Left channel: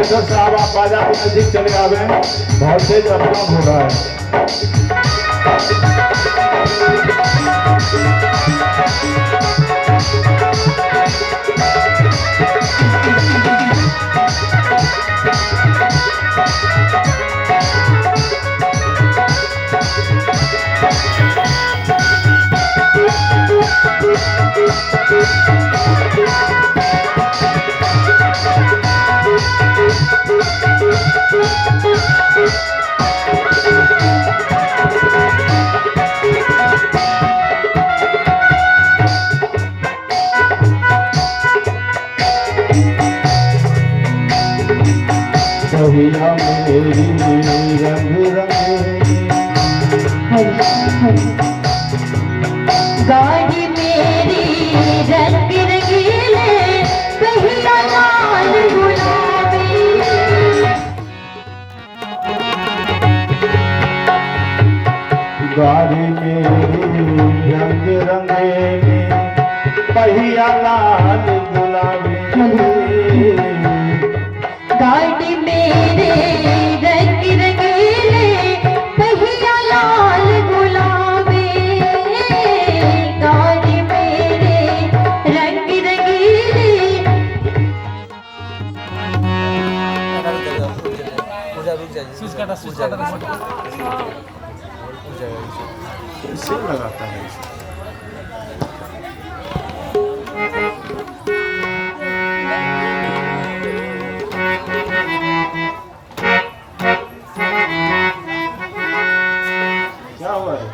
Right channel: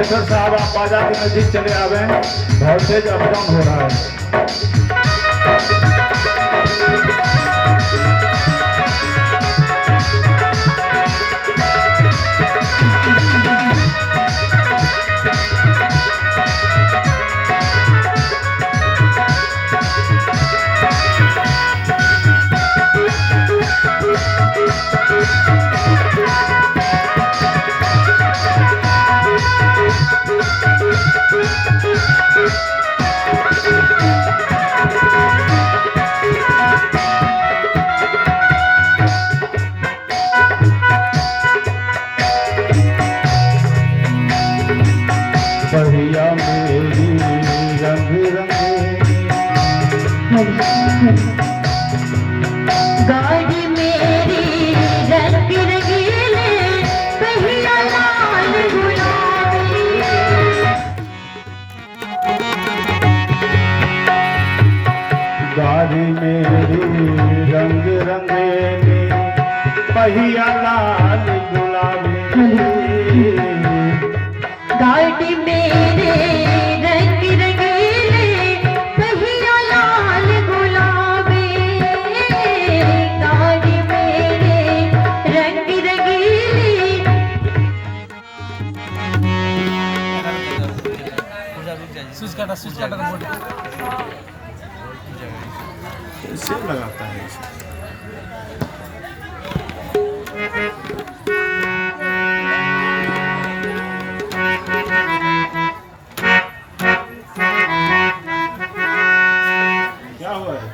Operator साहब आप बाजा के नजदीक चले आवे, बहुत तेज अप डाउन हो रहा है। कहिया मेरी रंग रंगे गाड़ी मेरी रंग रंगीले कहिया लाल गुलाबी। गाड़ी मेरी रंग रंगेली पहिया लाल गुलाबी। गाड़ी मेरे रंग रंगीले पहिया लाल गुलाबी। गाड़ी मेरे रंग रंगीले। इससे लगाता है क्या हुआ है?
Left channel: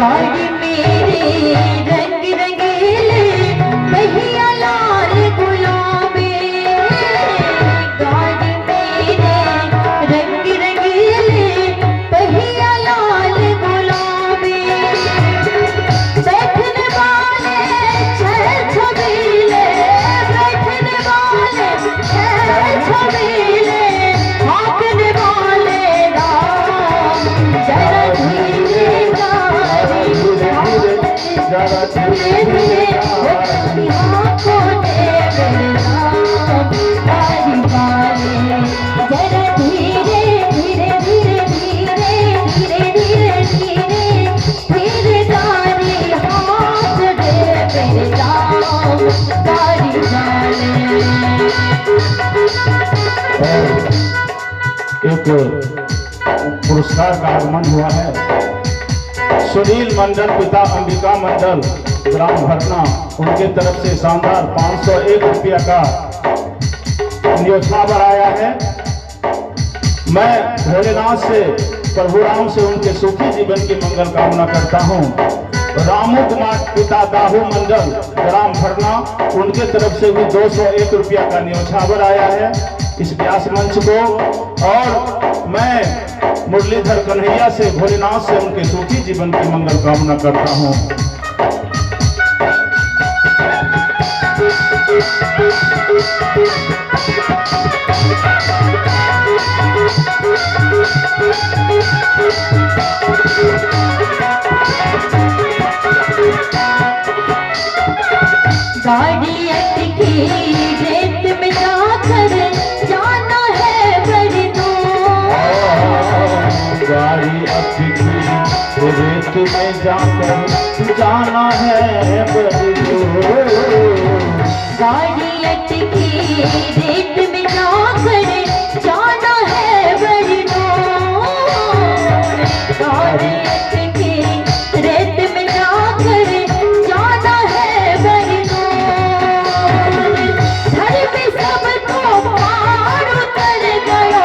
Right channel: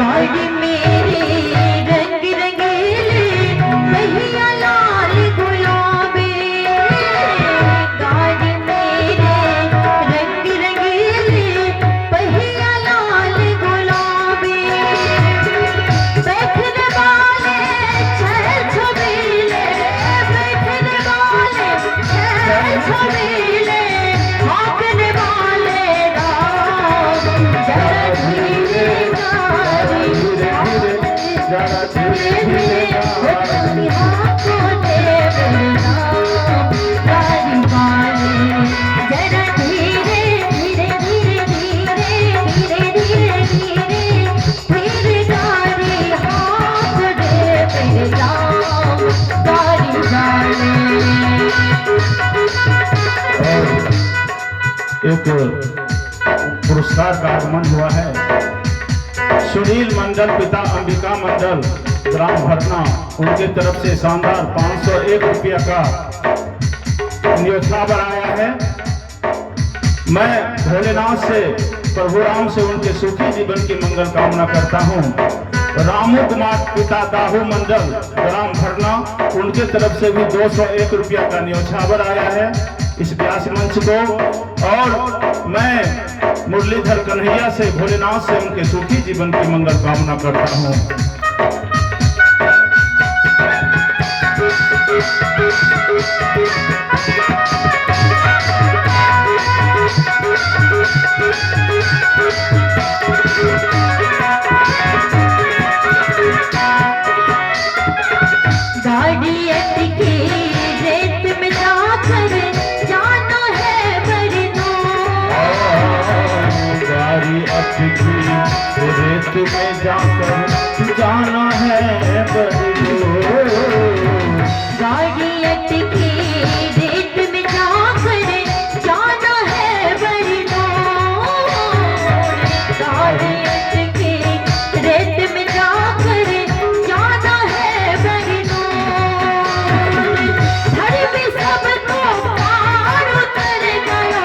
गाड़ी मेरे रंग रंगीले पहिया लाल गुलाबी। गाड़ी मेरे रंग रंगीले पहिया लाल गुलाबी। बैठने वाले छह छबीले, बैठने वाले छह छबीले, भागने वाले राम। जरा धीरे जरा धीरे धीरे हाथों दे राम। गाड़ी वाले जरा धीरे धीरे धीरे धीरे धीरे धीरे धीरे धीरे गाड़ी हाथ दे राम। गाड़ी वाले एक पुरस्कार का आगमन हुआ है। सुनील मंडल पिता अंबिका मंडल ग्राम भरना, उनके तरफ से शानदार 501 रुपया का न्योछावर आया है। मैं भोलेनाथ से प्रभु राम से उनके सुखी जीवन की मंगल कामना करता हूँ। रामू कुमार पिता दाहू मंडल ग्राम भरना, उनके तरफ से भी 201 रुपया का न्योछावर आया है इस व्यास मंच को। और मैं मुरलीधर कन्हैया से भोलेनाथ से उनके सुखी जीवन की मंगल कामना करता हूँ। गाड़ी अटकी रेत में जाकर जाना है बड़ी दूर। गाड़ी अटकी रेत में जाकर जाना है बड़ी दूर। गाड़ी अटकी रेत में जाकर जाना है बड़ी दूर। गाड़ी अटकी रेत में जाकर जाना है बड़ी दूर। घर में सबको पार उतर गया,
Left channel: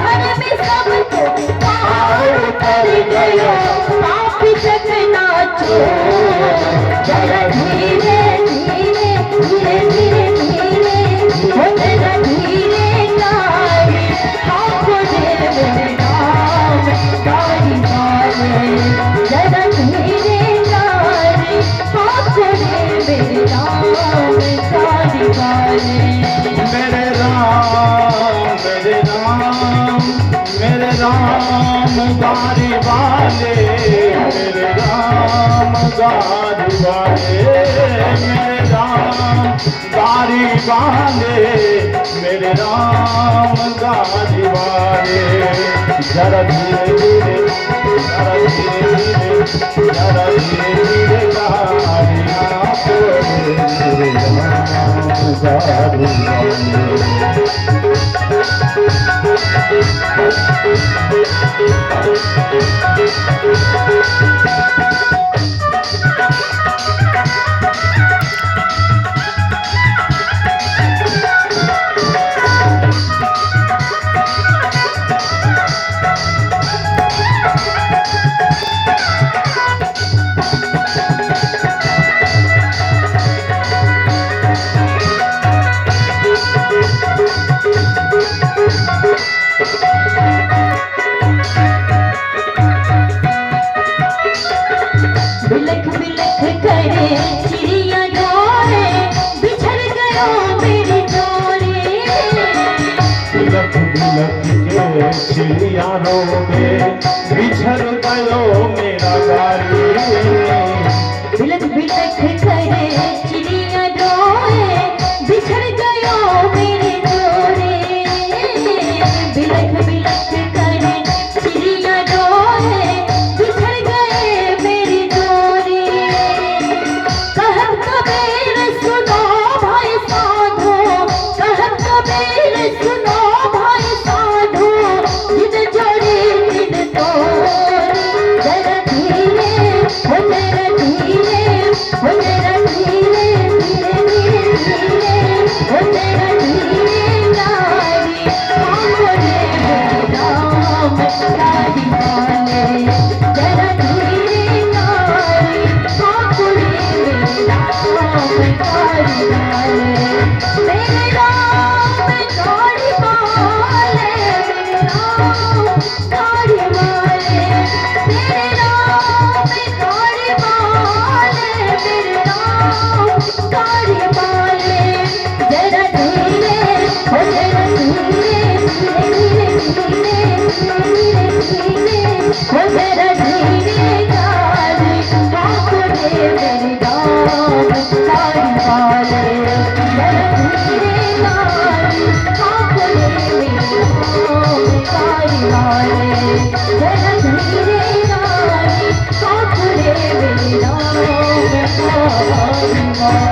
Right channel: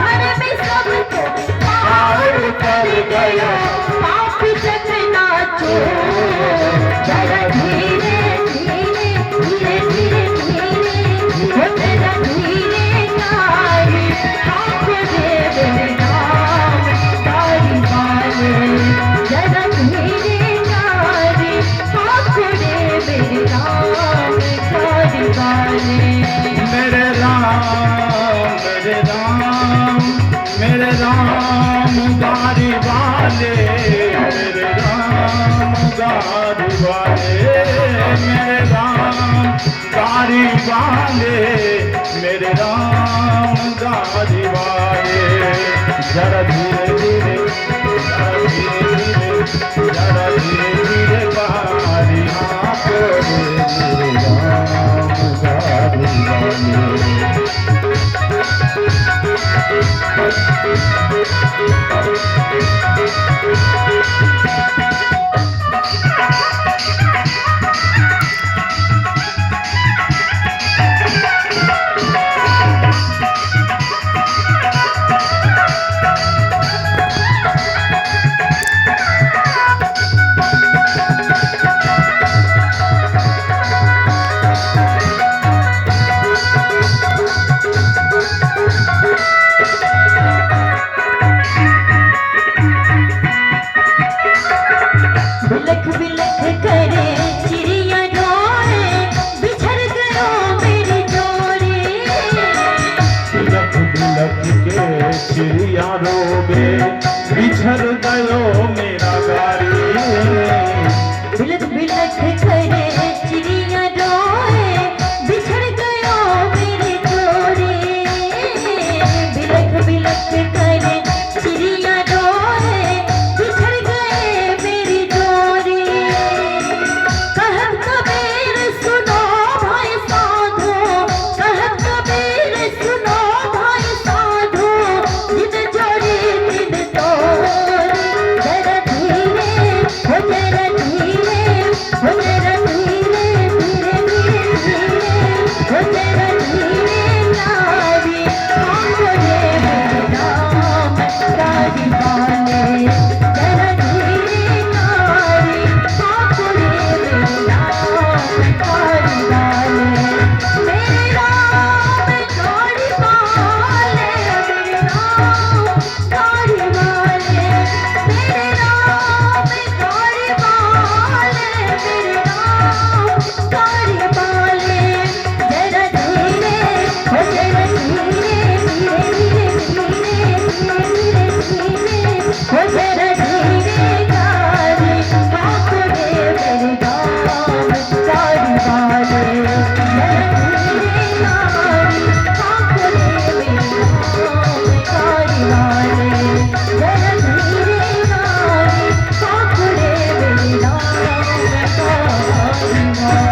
घर में सबको पार उतर गया। पाप चकना चोर जरा धीरे धीरे धीरे धीरे धीरे जरा धीरे गाड़ी हाथ दे राम। गाड़ी वाले जरा धीरे गाड़ी वाले मेरे राम गाड़ी वाले मेरे राम गाड़ी वाले जरा धीरे धीरे जरा धीरे धीरे जरा धीरे धीरे गाड़ी आपको मेरे राम गाड़ी वाले बिलख बिलख करे चिड़िया ढोरे बिछड़ गयो मेरी जोड़ी बिलख बिलख के चिड़िया रोगे बिछड़ गयो मेरा गाड़ी बिलख बिलख करे चिड़िया ढोरे बिछड़ गयो मेरी जोड़ी बिलख बिलख करे चिड़िया ढोरे बिछड़ गए मेरी जोड़ी कहत कबीर सुनो भाई साधो कहत कबीर सुनो भाई साधो जिद जोड़ी जिद तोड़ी जरा धीरे हो जरा धीरे हो जरा धीरे धीरे धीरे धीरे हो जरा धीरे गाड़ी आंगने में राम गाड़ी वाले जरा धीरे गाड़ी आंगने में राम गाड़ी वाले मेरे राम गाड़ी वाले मेरे राम गाड़ी वाले मेरे राम गाड़ी वाले मेरे राम गाड़ी वाले जरा धीरे हो जरा धीरे धीरे धीरे धीरे धीरे हो जरा धीरे गाड़ी आंगने मेरे राम गाड़ी वाले जरा धीरे गाड़ी आंगने मेरे राम गाड़ी वाले जरा धीरे गाड़ी आंगने मेरे राम गाड़ी वाले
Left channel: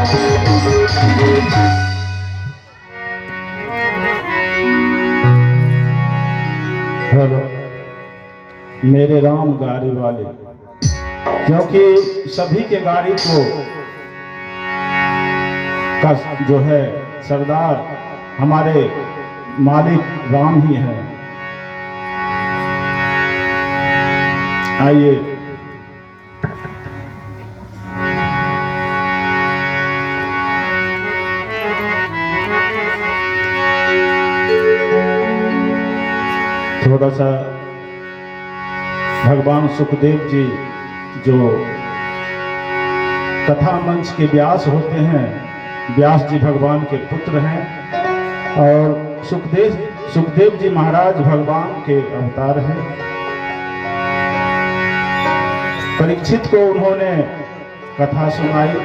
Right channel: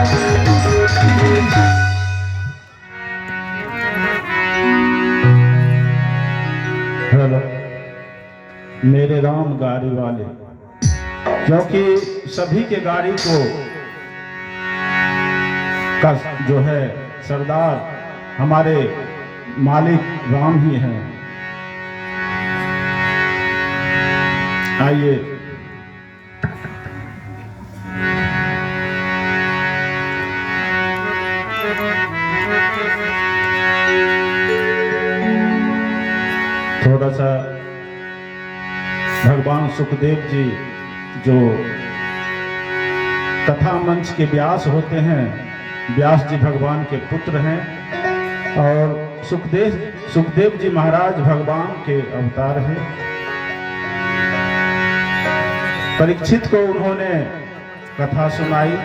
हेलो मेरे राम गाड़ी वाले क्योंकि सभी के गाड़ी को का जो है सरदार हमारे मालिक राम ही हैं। आइए थोड़ा सा भगवान सुखदेव जी जो कथा मंच के व्यास होते हैं, व्यास जी भगवान के पुत्र हैं और सुखदेव जी महाराज भगवान के अवतार हैं। परीक्षित को उन्होंने कथा सुनाई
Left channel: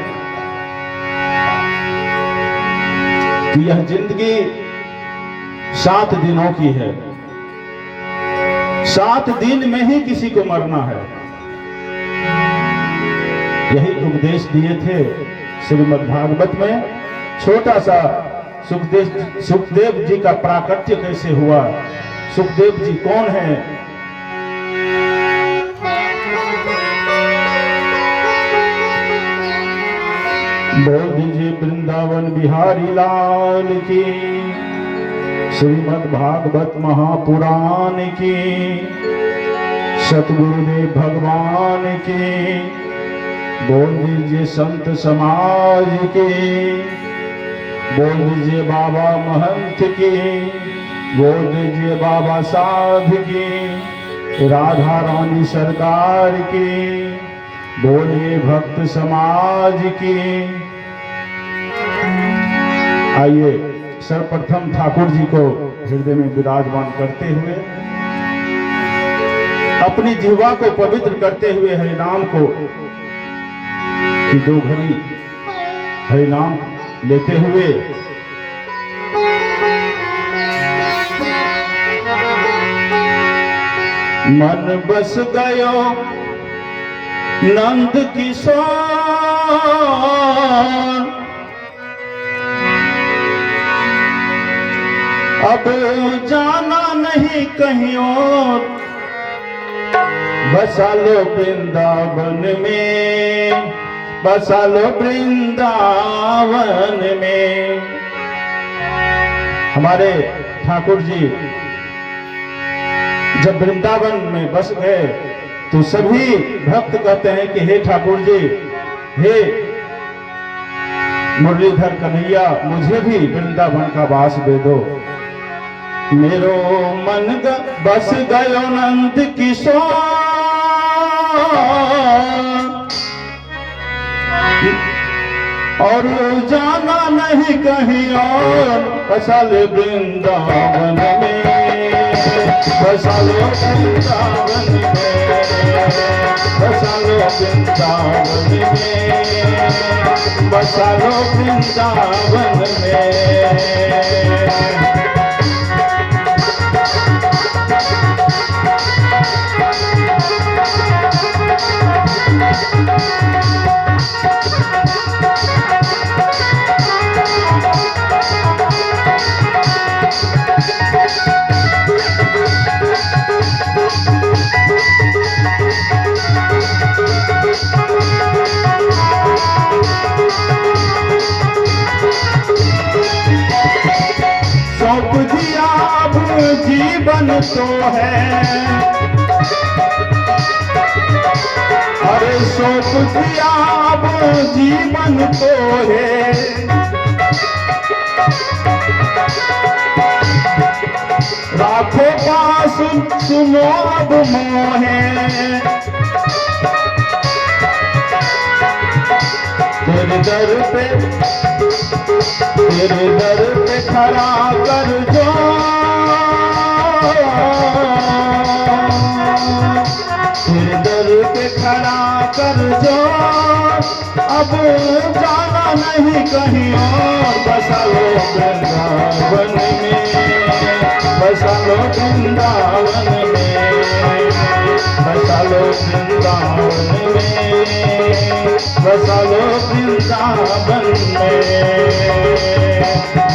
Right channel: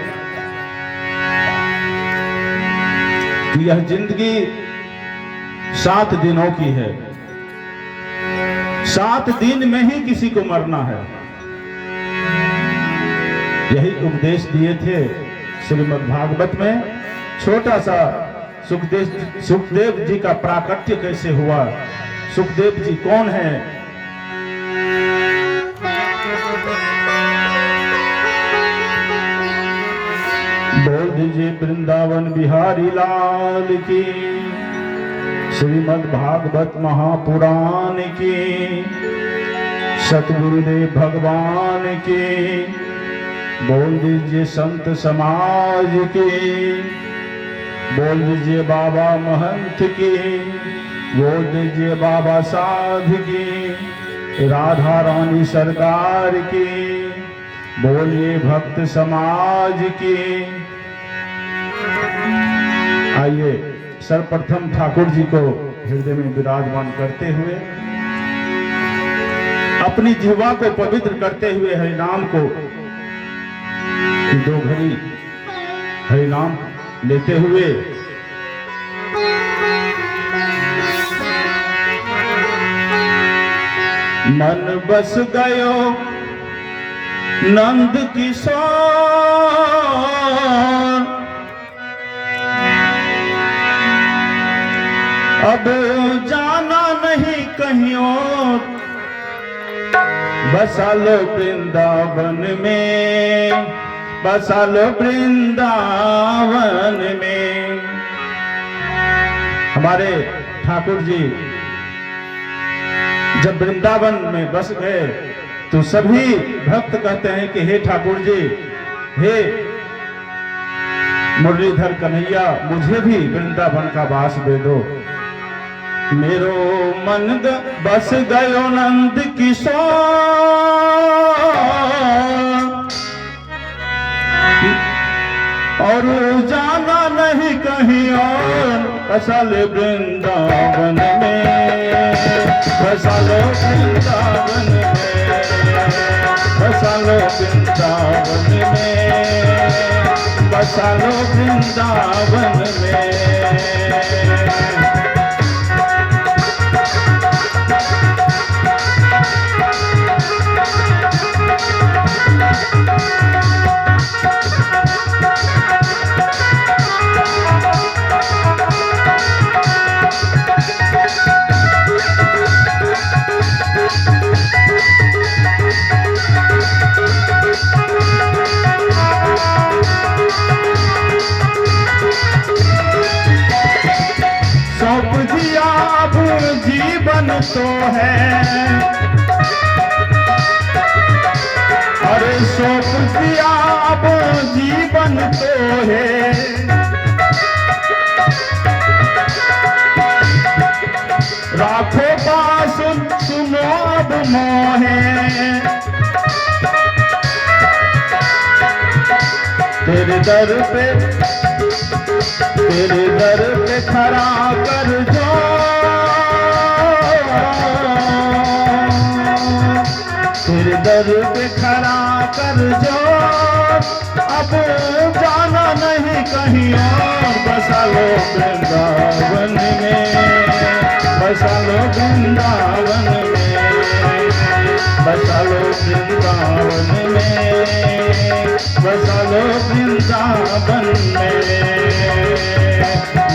कि यह जिंदगी 7 दिनों की है, 7 दिन में ही किसी को मरना है। यही उपदेश दिए थे श्रीमद् भागवत में। छोटा सा सुखदेव जी का प्राकट्य कैसे हुआ, सुखदेव जी कौन है। बोल दीजिए वृंदावन बिहारी लाल की, श्रीमद् भागवत महापुराण की, सतगुरुदेव भगवान की। बोल दीजिए संत समाज की, बोल दीजिए बाबा महंत की, बोल दीजिए बाबा साध की, राधा रानी सरकार की, बोलिए भक्त समाज की। आइए सर्वप्रथम ठाकुर जी को हृदय में विराजमान करते हुए, अपनी जिह्वा को पवित्र करते हुए हरि नाम को कि दो घड़ी हरि नाम लेते हुए मन बस गयो नंद किशोर, अब जाना नहीं कहीं और, बसा लो वृंदावन में, बसा लो वृंदावन में। हमारे ठाकुर जी जब वृंदावन में बस गए तो सभी भक्त कहते हैं कि हे ठाकुर जी, हे मुरलीधर कन्हैया, मुझे भी वृंदावन का वास दे दो। मेरो मन बस गयो नंद किशोर, और जाना नहीं कहीं और, बसा ले वृंदावन में, बसा लो वृंदावन में, बसा लो वृंदावन में, बसा लो वृंदावन में। सौंप दिया अब जीवन तो है, अरे सौंप दिया अब जीवन तो है, राखो पास सुनो अब मोहे, तेरे दर पे खड़ा कर जो, तेरे दर पे खड़ा कर जो, अब जाना नहीं कहीं और, बसा लो वृंदावन में, बसा लो वृंदावन में, बसा लो वृंदावन में, बसा लो वृंदावन में।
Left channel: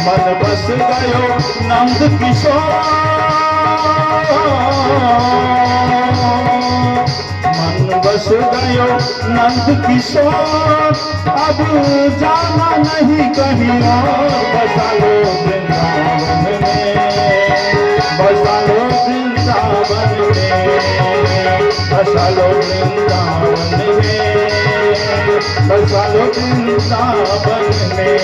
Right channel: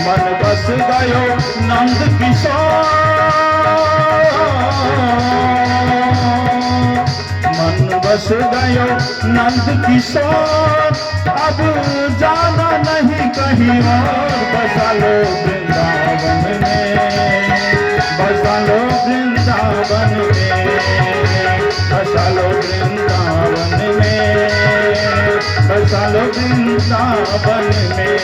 मन बस गयो नंद किशोर, मन बस गयो नंद किशोर, अब जाना नहीं कहीं और, बसा लो वृंदावन में, बसा लो वृंदावन में, बसा लो वृंदावन में, बसा लो वृंदावन में।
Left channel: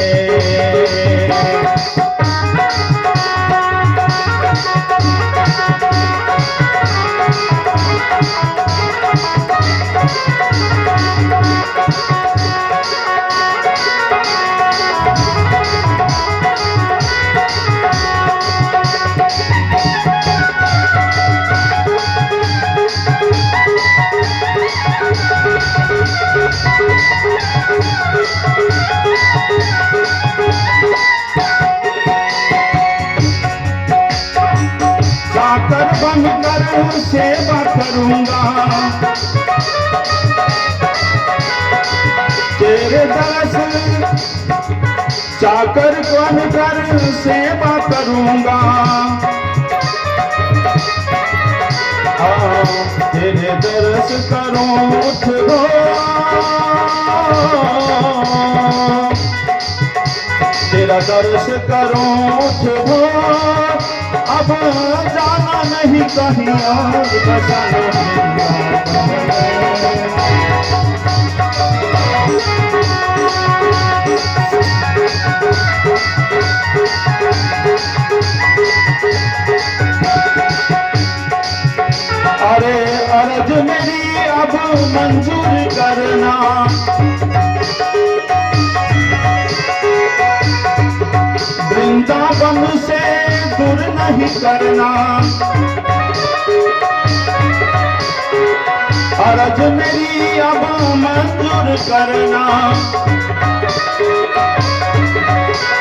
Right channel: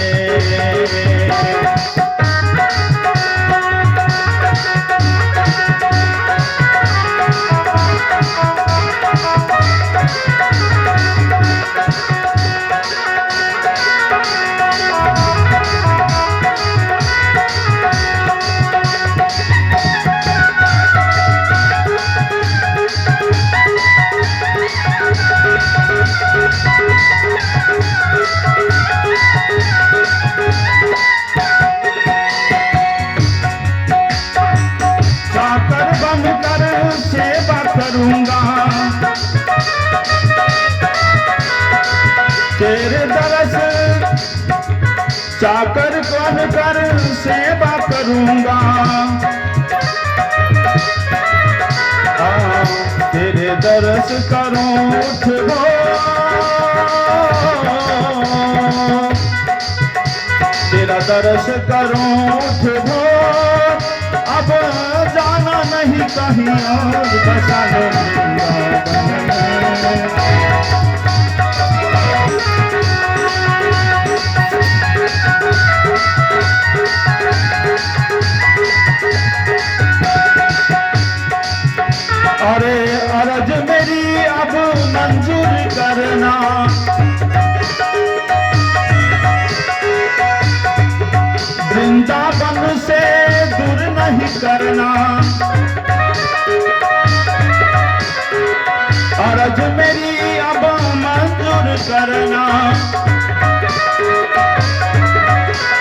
जाकर बन कर सेवा करूंगा, तेरे दरस जाकर बन कर सेवा करूंगा, तेरे दरस करूं उठो, तेरा दरस करूं उठो, अब जाना नहीं कहीं और, बसा लो वृंदावन में। अरे अरज मेरी अब मंजूर करना, वृंदावन से दूर नहीं करना, अरज मेरी अब मंजूर करना,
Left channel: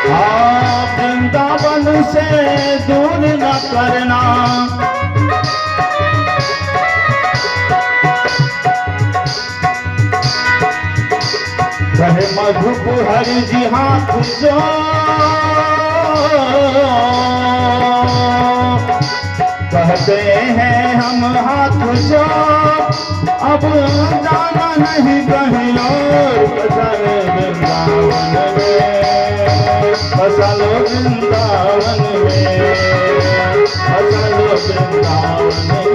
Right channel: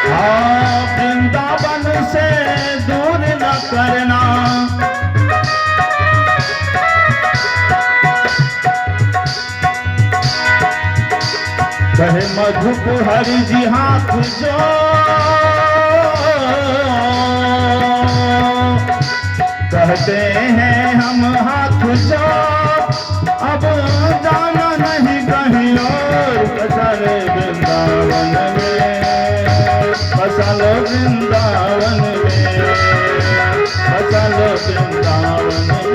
हाँ वृंदावन से दूर न करना। कहे मधुपुर हरि जी हाथ जो, कहते हैं हम हाथ जो, अब जाना नहीं कहीं और। बसालो वृंदावन में, बसालो वृंदावन में,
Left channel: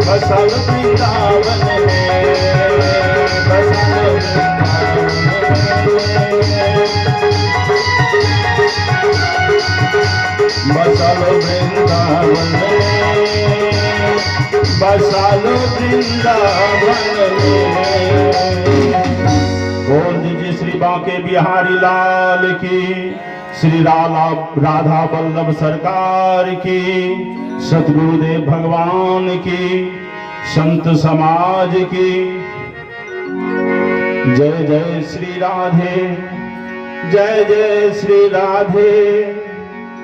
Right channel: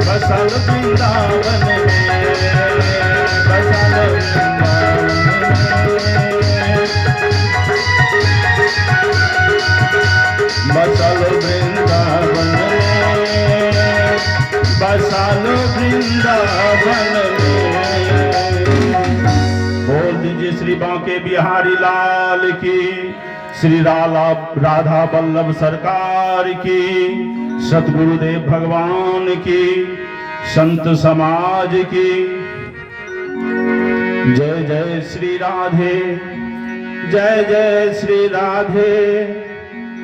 बसालो वृंदावन में, बसालो वृंदावन में, बसालो वृंदावन में, बसालो वृंदावन में, बसालो वृंदावन में। बोल दीजिए श्री बांके बिहारी लाल की, श्री राधा वल्लभ सरकार की, सतगुरुदेव भगवान की, संत समाज की। जय जय श्री राधे, जय जय श्री राधे,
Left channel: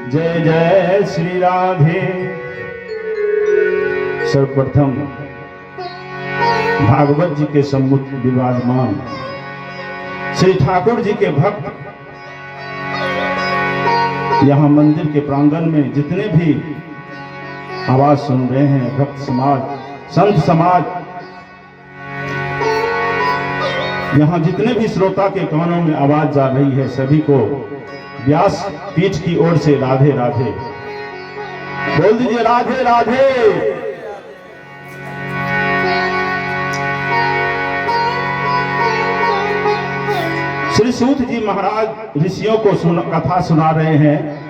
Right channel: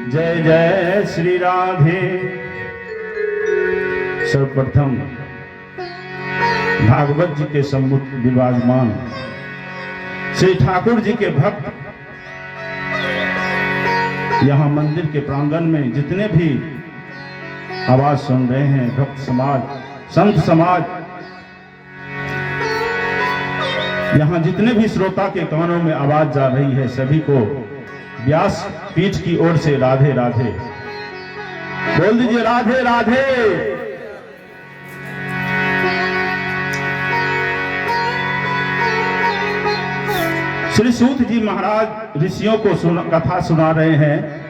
जय जय श्री राधे। सर्वप्रथम भागवत जी के सम्मुख विराजमान श्री ठाकुर जी के भक्त, यहाँ मंदिर के प्रांगण में जितने भी आवाज सुन रहे हैं, भक्त समाज, संत समाज, यहाँ जितने भी श्रोता के कानों में आवाज जा रही है, सभी को व्यास पीठ की ओर से राधे राधे। बोल दीजिए राधे राधे। श्री सूत जी महाराज ऋषियों को कथा सुना रहे हैं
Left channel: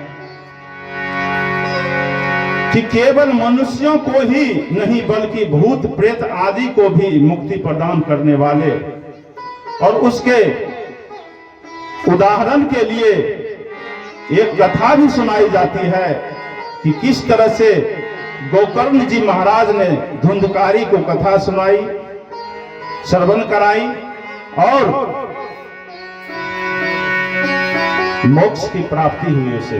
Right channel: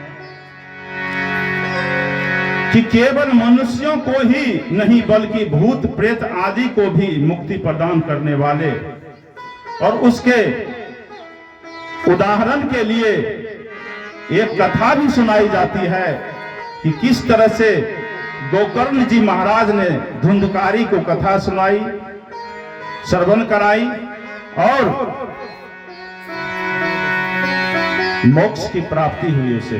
कि केवल मनुष्यों को ही नहीं बल्कि भूत प्रेत आदि को भी मुक्ति प्रदान करने वाले, और उसके उदाहरण के लिए एक कथा भी सुनाई जाती है कि किस तरह से गोकर्ण जी महाराज ने धुंधकारी को कथा सुनाई, श्रवण कराई और मोक्ष की प्राप्ति हुई उसे।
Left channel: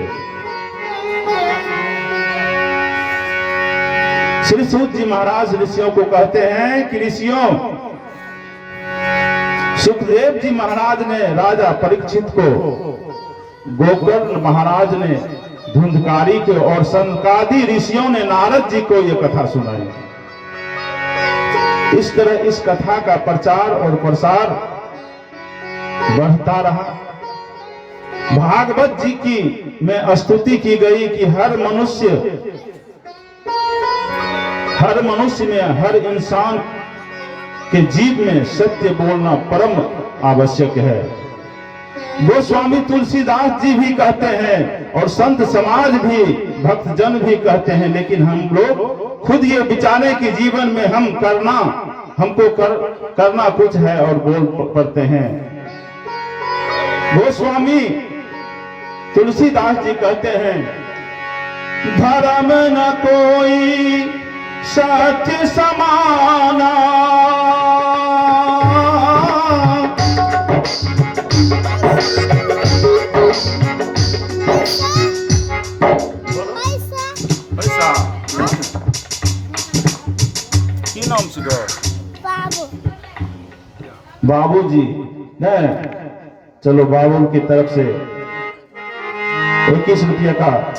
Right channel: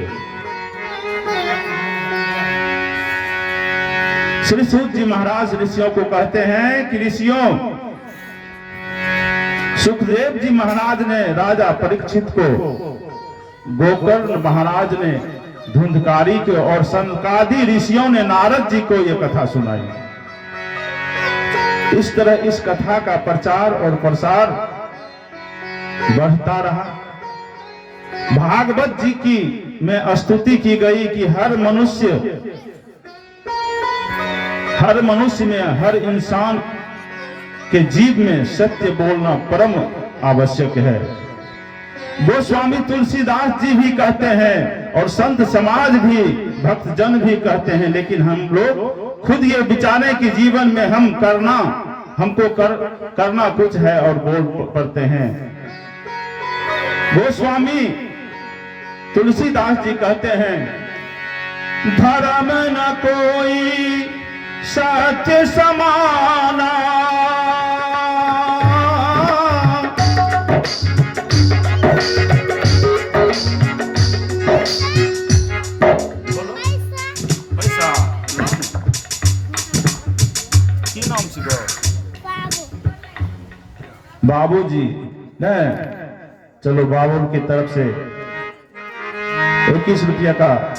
श्री सूत जी महाराज ऋषियों को कहते हैं कि ऋषियों, सुखदेव जी महाराज ने राजा परीक्षित को, गोकर्ण महाराज ने धुंधकारी को, और सनकादि ऋषियों ने नारद जी को यह कथा सुनाई। इस तरह इस कथा का प्रचार और प्रसार बढ़ता रहा। भागवत जी की में स्तुति की गई कि हर मनुष्य में, हर इंसान के जीव में सत्य बोलना परम आवश्यक है। गोस्वामी तुलसीदास जी भी कहते हैं और संत समाज भी, भक्तजन भी कहते हैं, लेकिन हम लोग खुद ये विचारे कि जीवन में हमको करना कुछ है और बोल पड़ते हैं। गोस्वामी तुलसीदास जी कहते हैं, धर्म न कोई सत्य समाना, पैसा की नाम से बाबू जी ने, चलो बाबू की तरफ से 21 रुपया का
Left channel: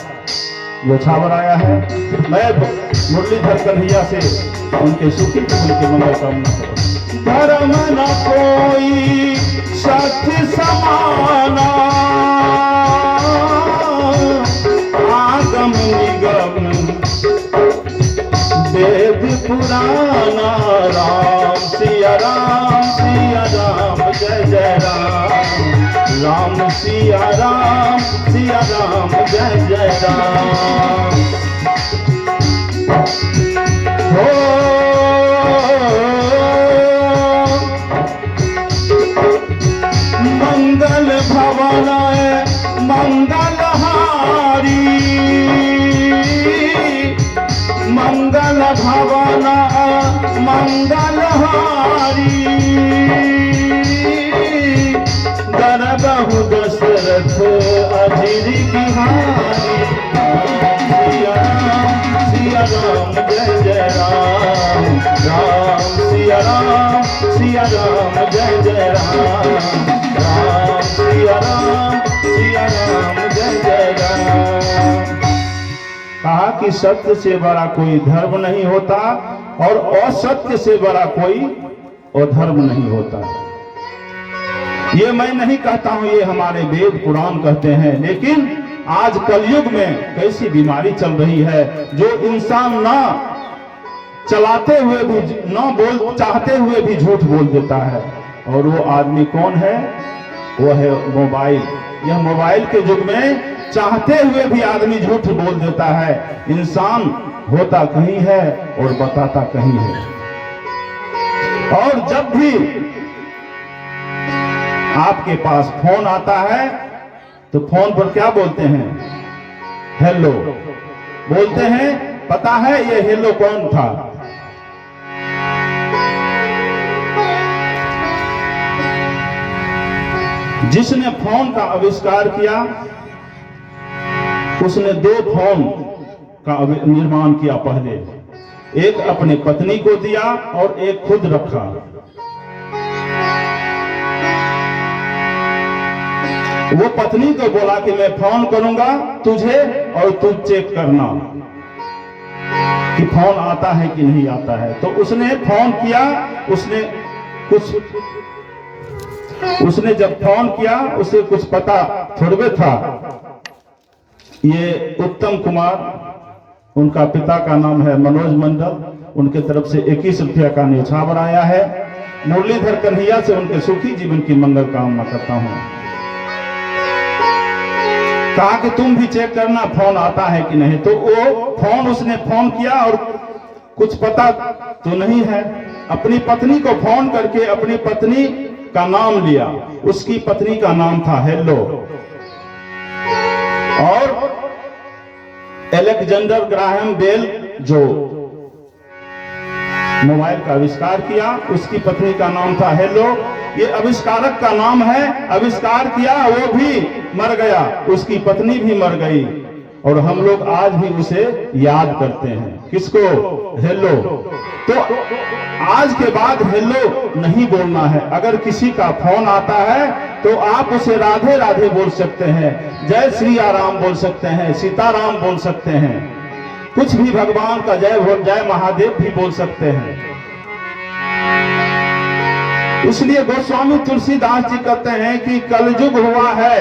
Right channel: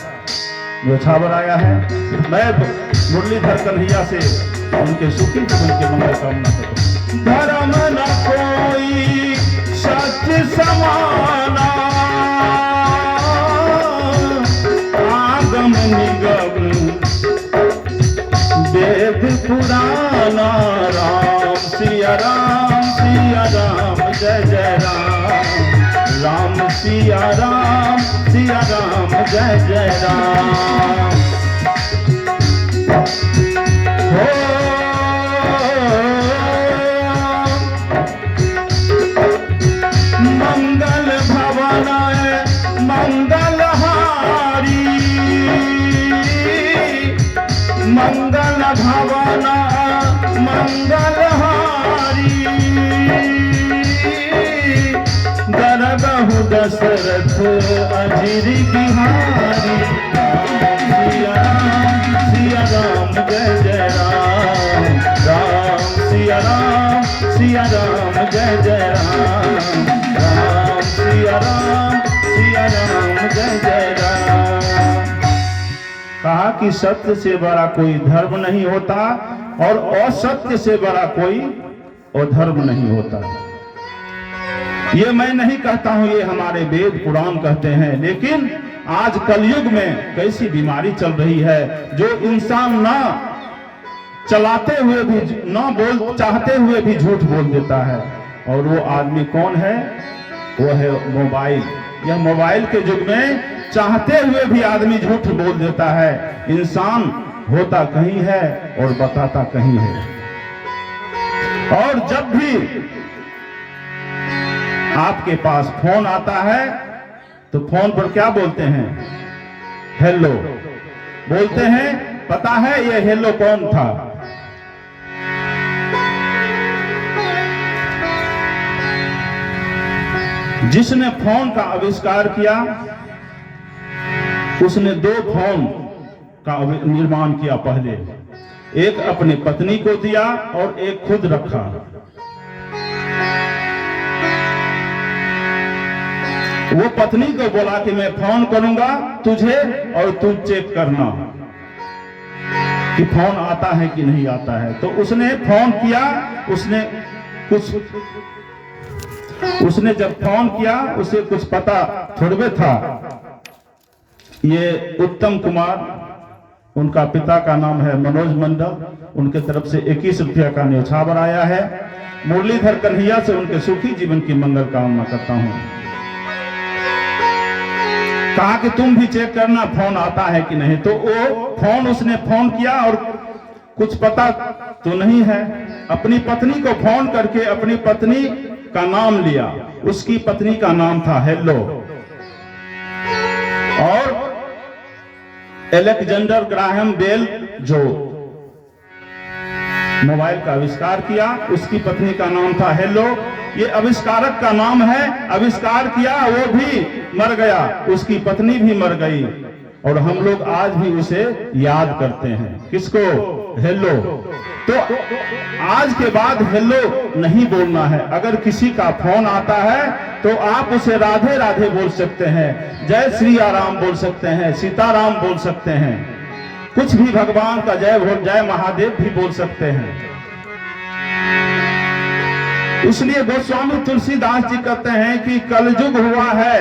गोछावर आया है। मैं मुरलीधर कन्हैया से उनके सुखी उनके मंगल कामना करो। धर्म न कोई सत्य समाना, आगम निगम वेद पुराना, राम सिया राम, सिया राम जय जय राम, राम सिया राम, सिया राम जय जय राम। मंगल भवन मंगल हारी, मंगल भवन मंगल हारी, राम जय जय राम, राम सिया राम जय जय राम। कहा कि सत्य से बड़ा कोई धर्म नहीं होता और असत्य से बड़ा कोई अधर्म नहीं होता। ये मैं नहीं कहता हूं, ये हमारे वेद पुराण कहते हैं। लेकिन आज कलयुग में कैसी बीमारी चल रही है जो इंसान ना चलाते हुए भी, ना बोल चाहते हुए भी झूठ बोल देता है। और वो आदमी कौन है? वो है मोबाइल। यह मोबाइल के युग में चाहते हुए भी आदमी झूठ बोल देता है। इंसान होता कहीं है और बताता कहीं है। और जब भी आपके पास फोन आता है तो फोन पर क्या बोलते हैं? हेलो बोलते हैं। पता है ये हेलो कौन था? जिसने फोन का आविष्कार किया उसने दो फोन का निर्माण किया। पहले एक अपने पत्नी को दिया और एक खुद रखा। वो पत्नी को बोला कि मैं फोन करूंगा तुझे और तू चेक करना कि फोन आता है कि नहीं आता है। तो उसने फोन किया। उसने जब फोन किया उसे कुछ पता थोड़े था। ये उत्तम कुमार, उनका पिता का नाम है मनोज मंडल, उनके तरफ से 21 रुपया का न्यौछावर आया है। मुरलीधर कन्हैया से उनके सुखी जीवन की मंगल कामना करता हूं। कहा कि तुम भी चेक करना फोन आता है कि नहीं। तो वो उसने फोन किया और कुछ पता तो नहीं है। अपनी पत्नी को फोन करके अपनी पत्नी का नाम लिया। उसकी पत्नी का नाम था हेलो। और अलेक्जेंडर ग्राहम बेल जो मोबाइल का आविष्कार किया उसकी पत्नी का नाम था हेलो। ये आविष्कारक का नाम है। आविष्कार किया वो भी मर गया, उसकी पत्नी भी मर गई। और हम लोग आज भी उसे याद करते हैं। किसको? हेलो। तो आज के बाद हेलो नहीं बोलना है। अगर किसी का फोन आता है तो आप उसे राधे राधे बोल सकते हैं, जय श्री राम बोल सकते हैं, सीताराम बोल सकते हैं, कुछ भी भगवान का जय महादेव भी बोल सकते हैं। इसलिए गोस्वामी तुलसीदास जी कहते हैं कि कलयुग हुआ है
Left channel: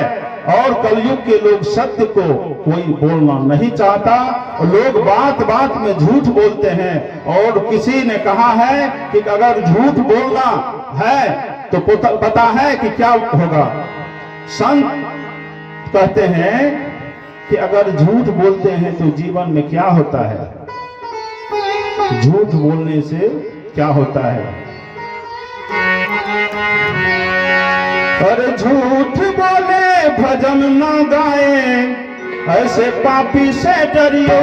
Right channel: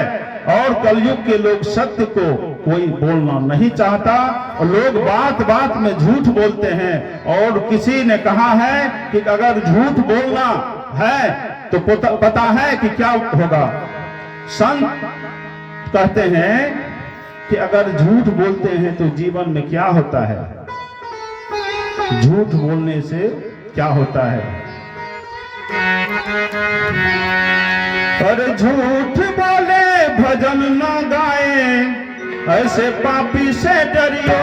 और कलयुग के लोग सत्य को कोई बोलना नहीं चाहता। लोग बात बात में झूठ बोलते हैं। और किसी ने कहा है कि अगर झूठ बोलना है तो पता है कि क्या होगा। संत कहते हैं कि अगर झूठ बोलते हैं तो जीवन में क्या होता है। झूठ बोलने से क्या होता है? पर झूठ बोले भजन ना गाए, ऐसे पापी से डरियो।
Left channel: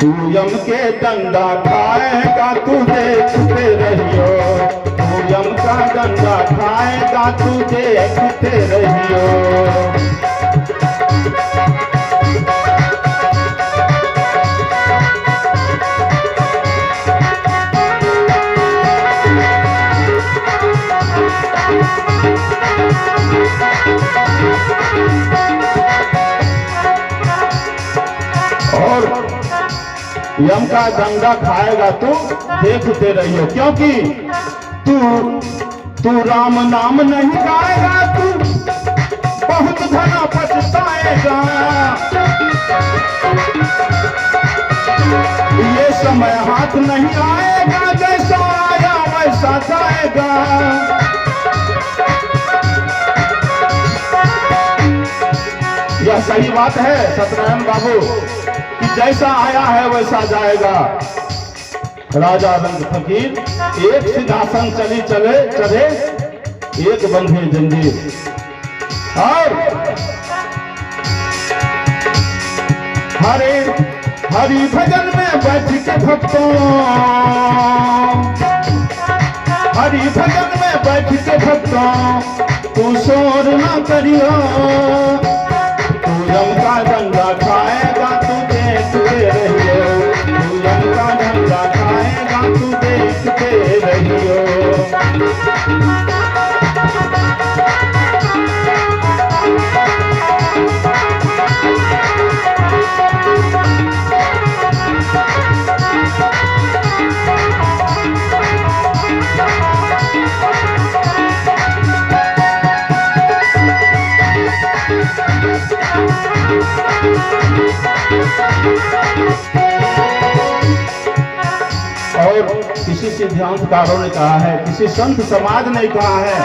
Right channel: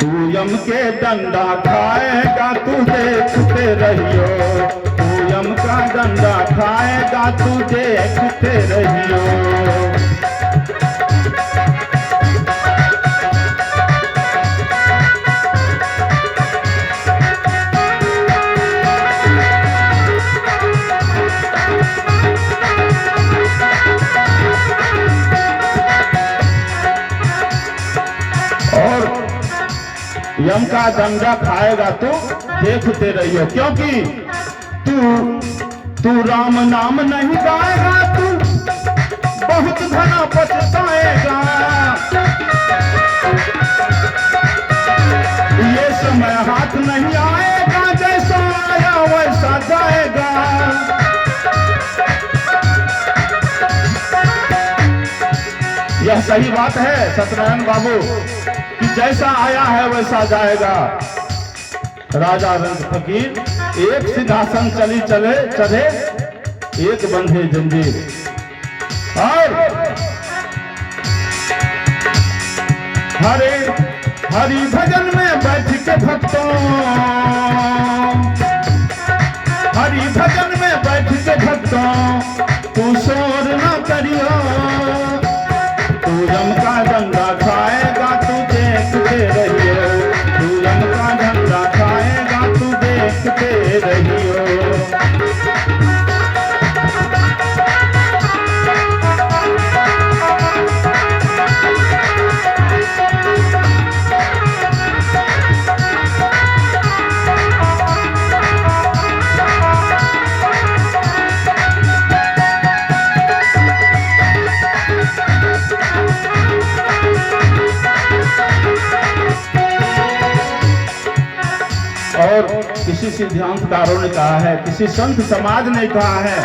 तू यम के डंडा खाएगा तू देखते रहियो। तू यम का डंडा खाएगा तू देखते रहियो। यम का दंगा खाएगा तो देखते रहियो। क्योंकि तू राम नाम नहीं गाएगा तू बहुत घना पछताएगा। ये समय हाथ नहीं आएगा, जैसा आया वैसा जाएगा। यह सही बात है सत्यनारायण बाबू कि जैसा आया है वैसा जाएगा। राजा रंग फकीर एक सिंहासन चले एक बंधे जंजीर। और हरि भजन में बैठ के भक्तों, हरि भजन में बैठ के भक्तों तू शोर ना करियो। तू यम का डंडा खाएगा तू देखते रहियो। तू यम का डंडा खाएगा तू देखते रहियो। और किसी सिद्धांतकारों ने कहा है, किसी संत समाज ने कहा है,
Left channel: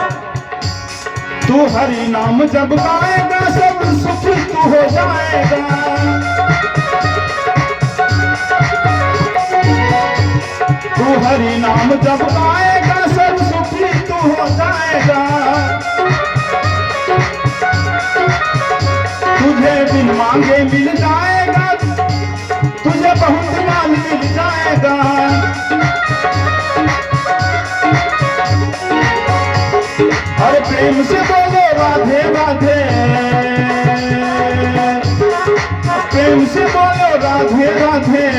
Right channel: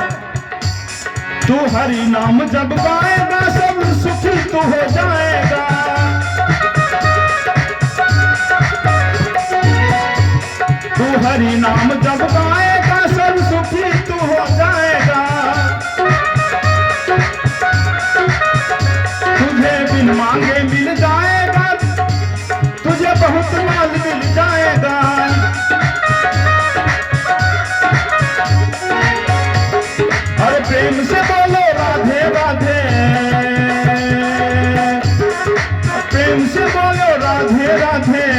तू हरि नाम जब गाएगा सब सुखी तू हो जाएगा। तू हरि नाम जब गाएगा सब सुखी तू हो जाएगा। तुझे बिन मांगे मिल जाएगा, तुझे बहुत माल मिल जाएगा। और प्रेम से बोलो राधे राधे, प्रेम से बोलो राधे राधे।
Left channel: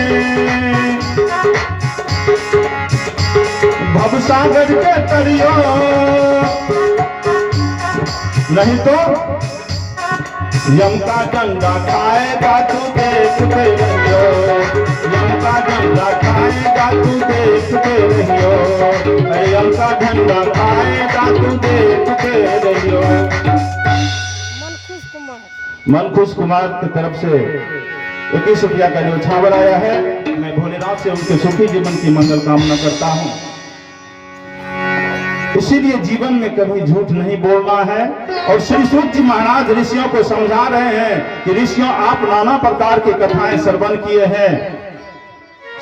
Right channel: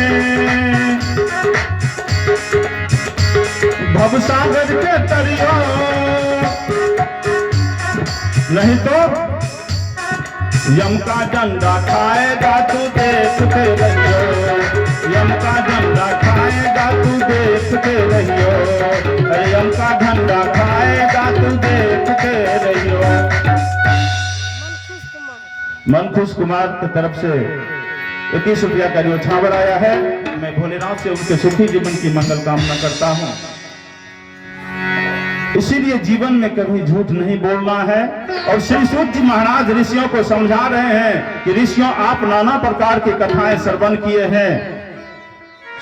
भवसागर के तरियो, नहीं तो यम का डंडा खाएगा तू देखते रहियो। यम का डंडा खाएगा तू देखते रहियो। अरे यम का डंडा खाएगा तू देखते रहियो। मनखुश कुमार की तरफ से 21 रुपया का जो छावर आया है, मैं भोलेनाथ से उनके सुखी जीवन की मंगल कामना करता हूँ। इसीलिए जीवन में कभी झूठ नहीं बोलना है। और श्री सूत जी महाराज ऋषियों को समझा रहे हैं कि ऋषियों, आप नाना प्रकार की कथाएं श्रवण किए हैं।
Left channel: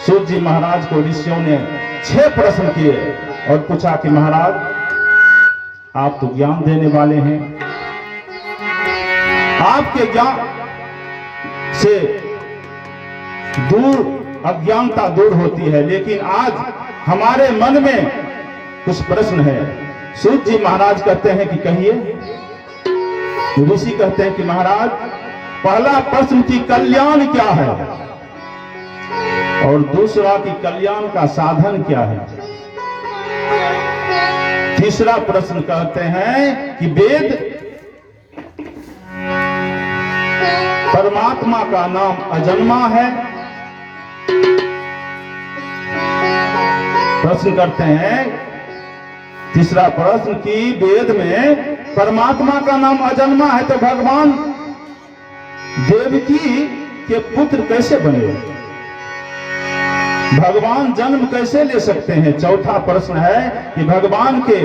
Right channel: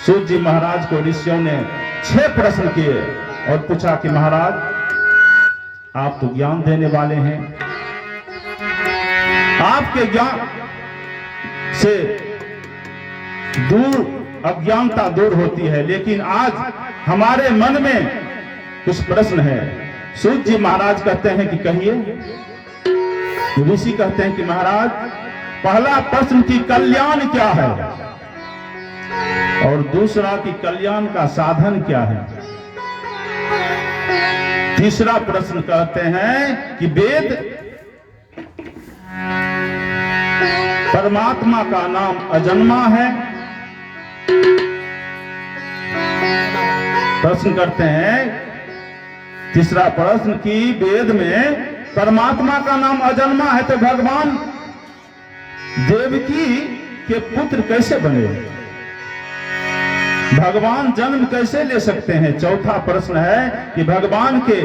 सूत जी महाराज को ऋषियों ने 6 प्रश्न किए और पूछा कि महाराज, आप तो ज्ञान देने वाले हैं, आपके ज्ञान से दूर अज्ञानता दूर होती है, लेकिन आज हमारे मन में कुछ प्रश्न है। सूत जी महाराज कहते हैं कि कहिए। ऋषि कहते हैं कि महाराज, पहला प्रश्न कि कल्याण क्या है, और दूसरा कि कल्याण का साधन क्या है। तीसरा प्रश्न कहते हैं कि वेद परमात्मा का नाम अजन्मा है। प्रश्न करते हैं तीसरा प्रश्न कि वेद में परमात्मा का नाम अजन्मा है, तो भगवान देवकी के पुत्र कैसे बने, भगवान जन्म कैसे ले सकते हैं। चौथा प्रश्न है कि भगवान के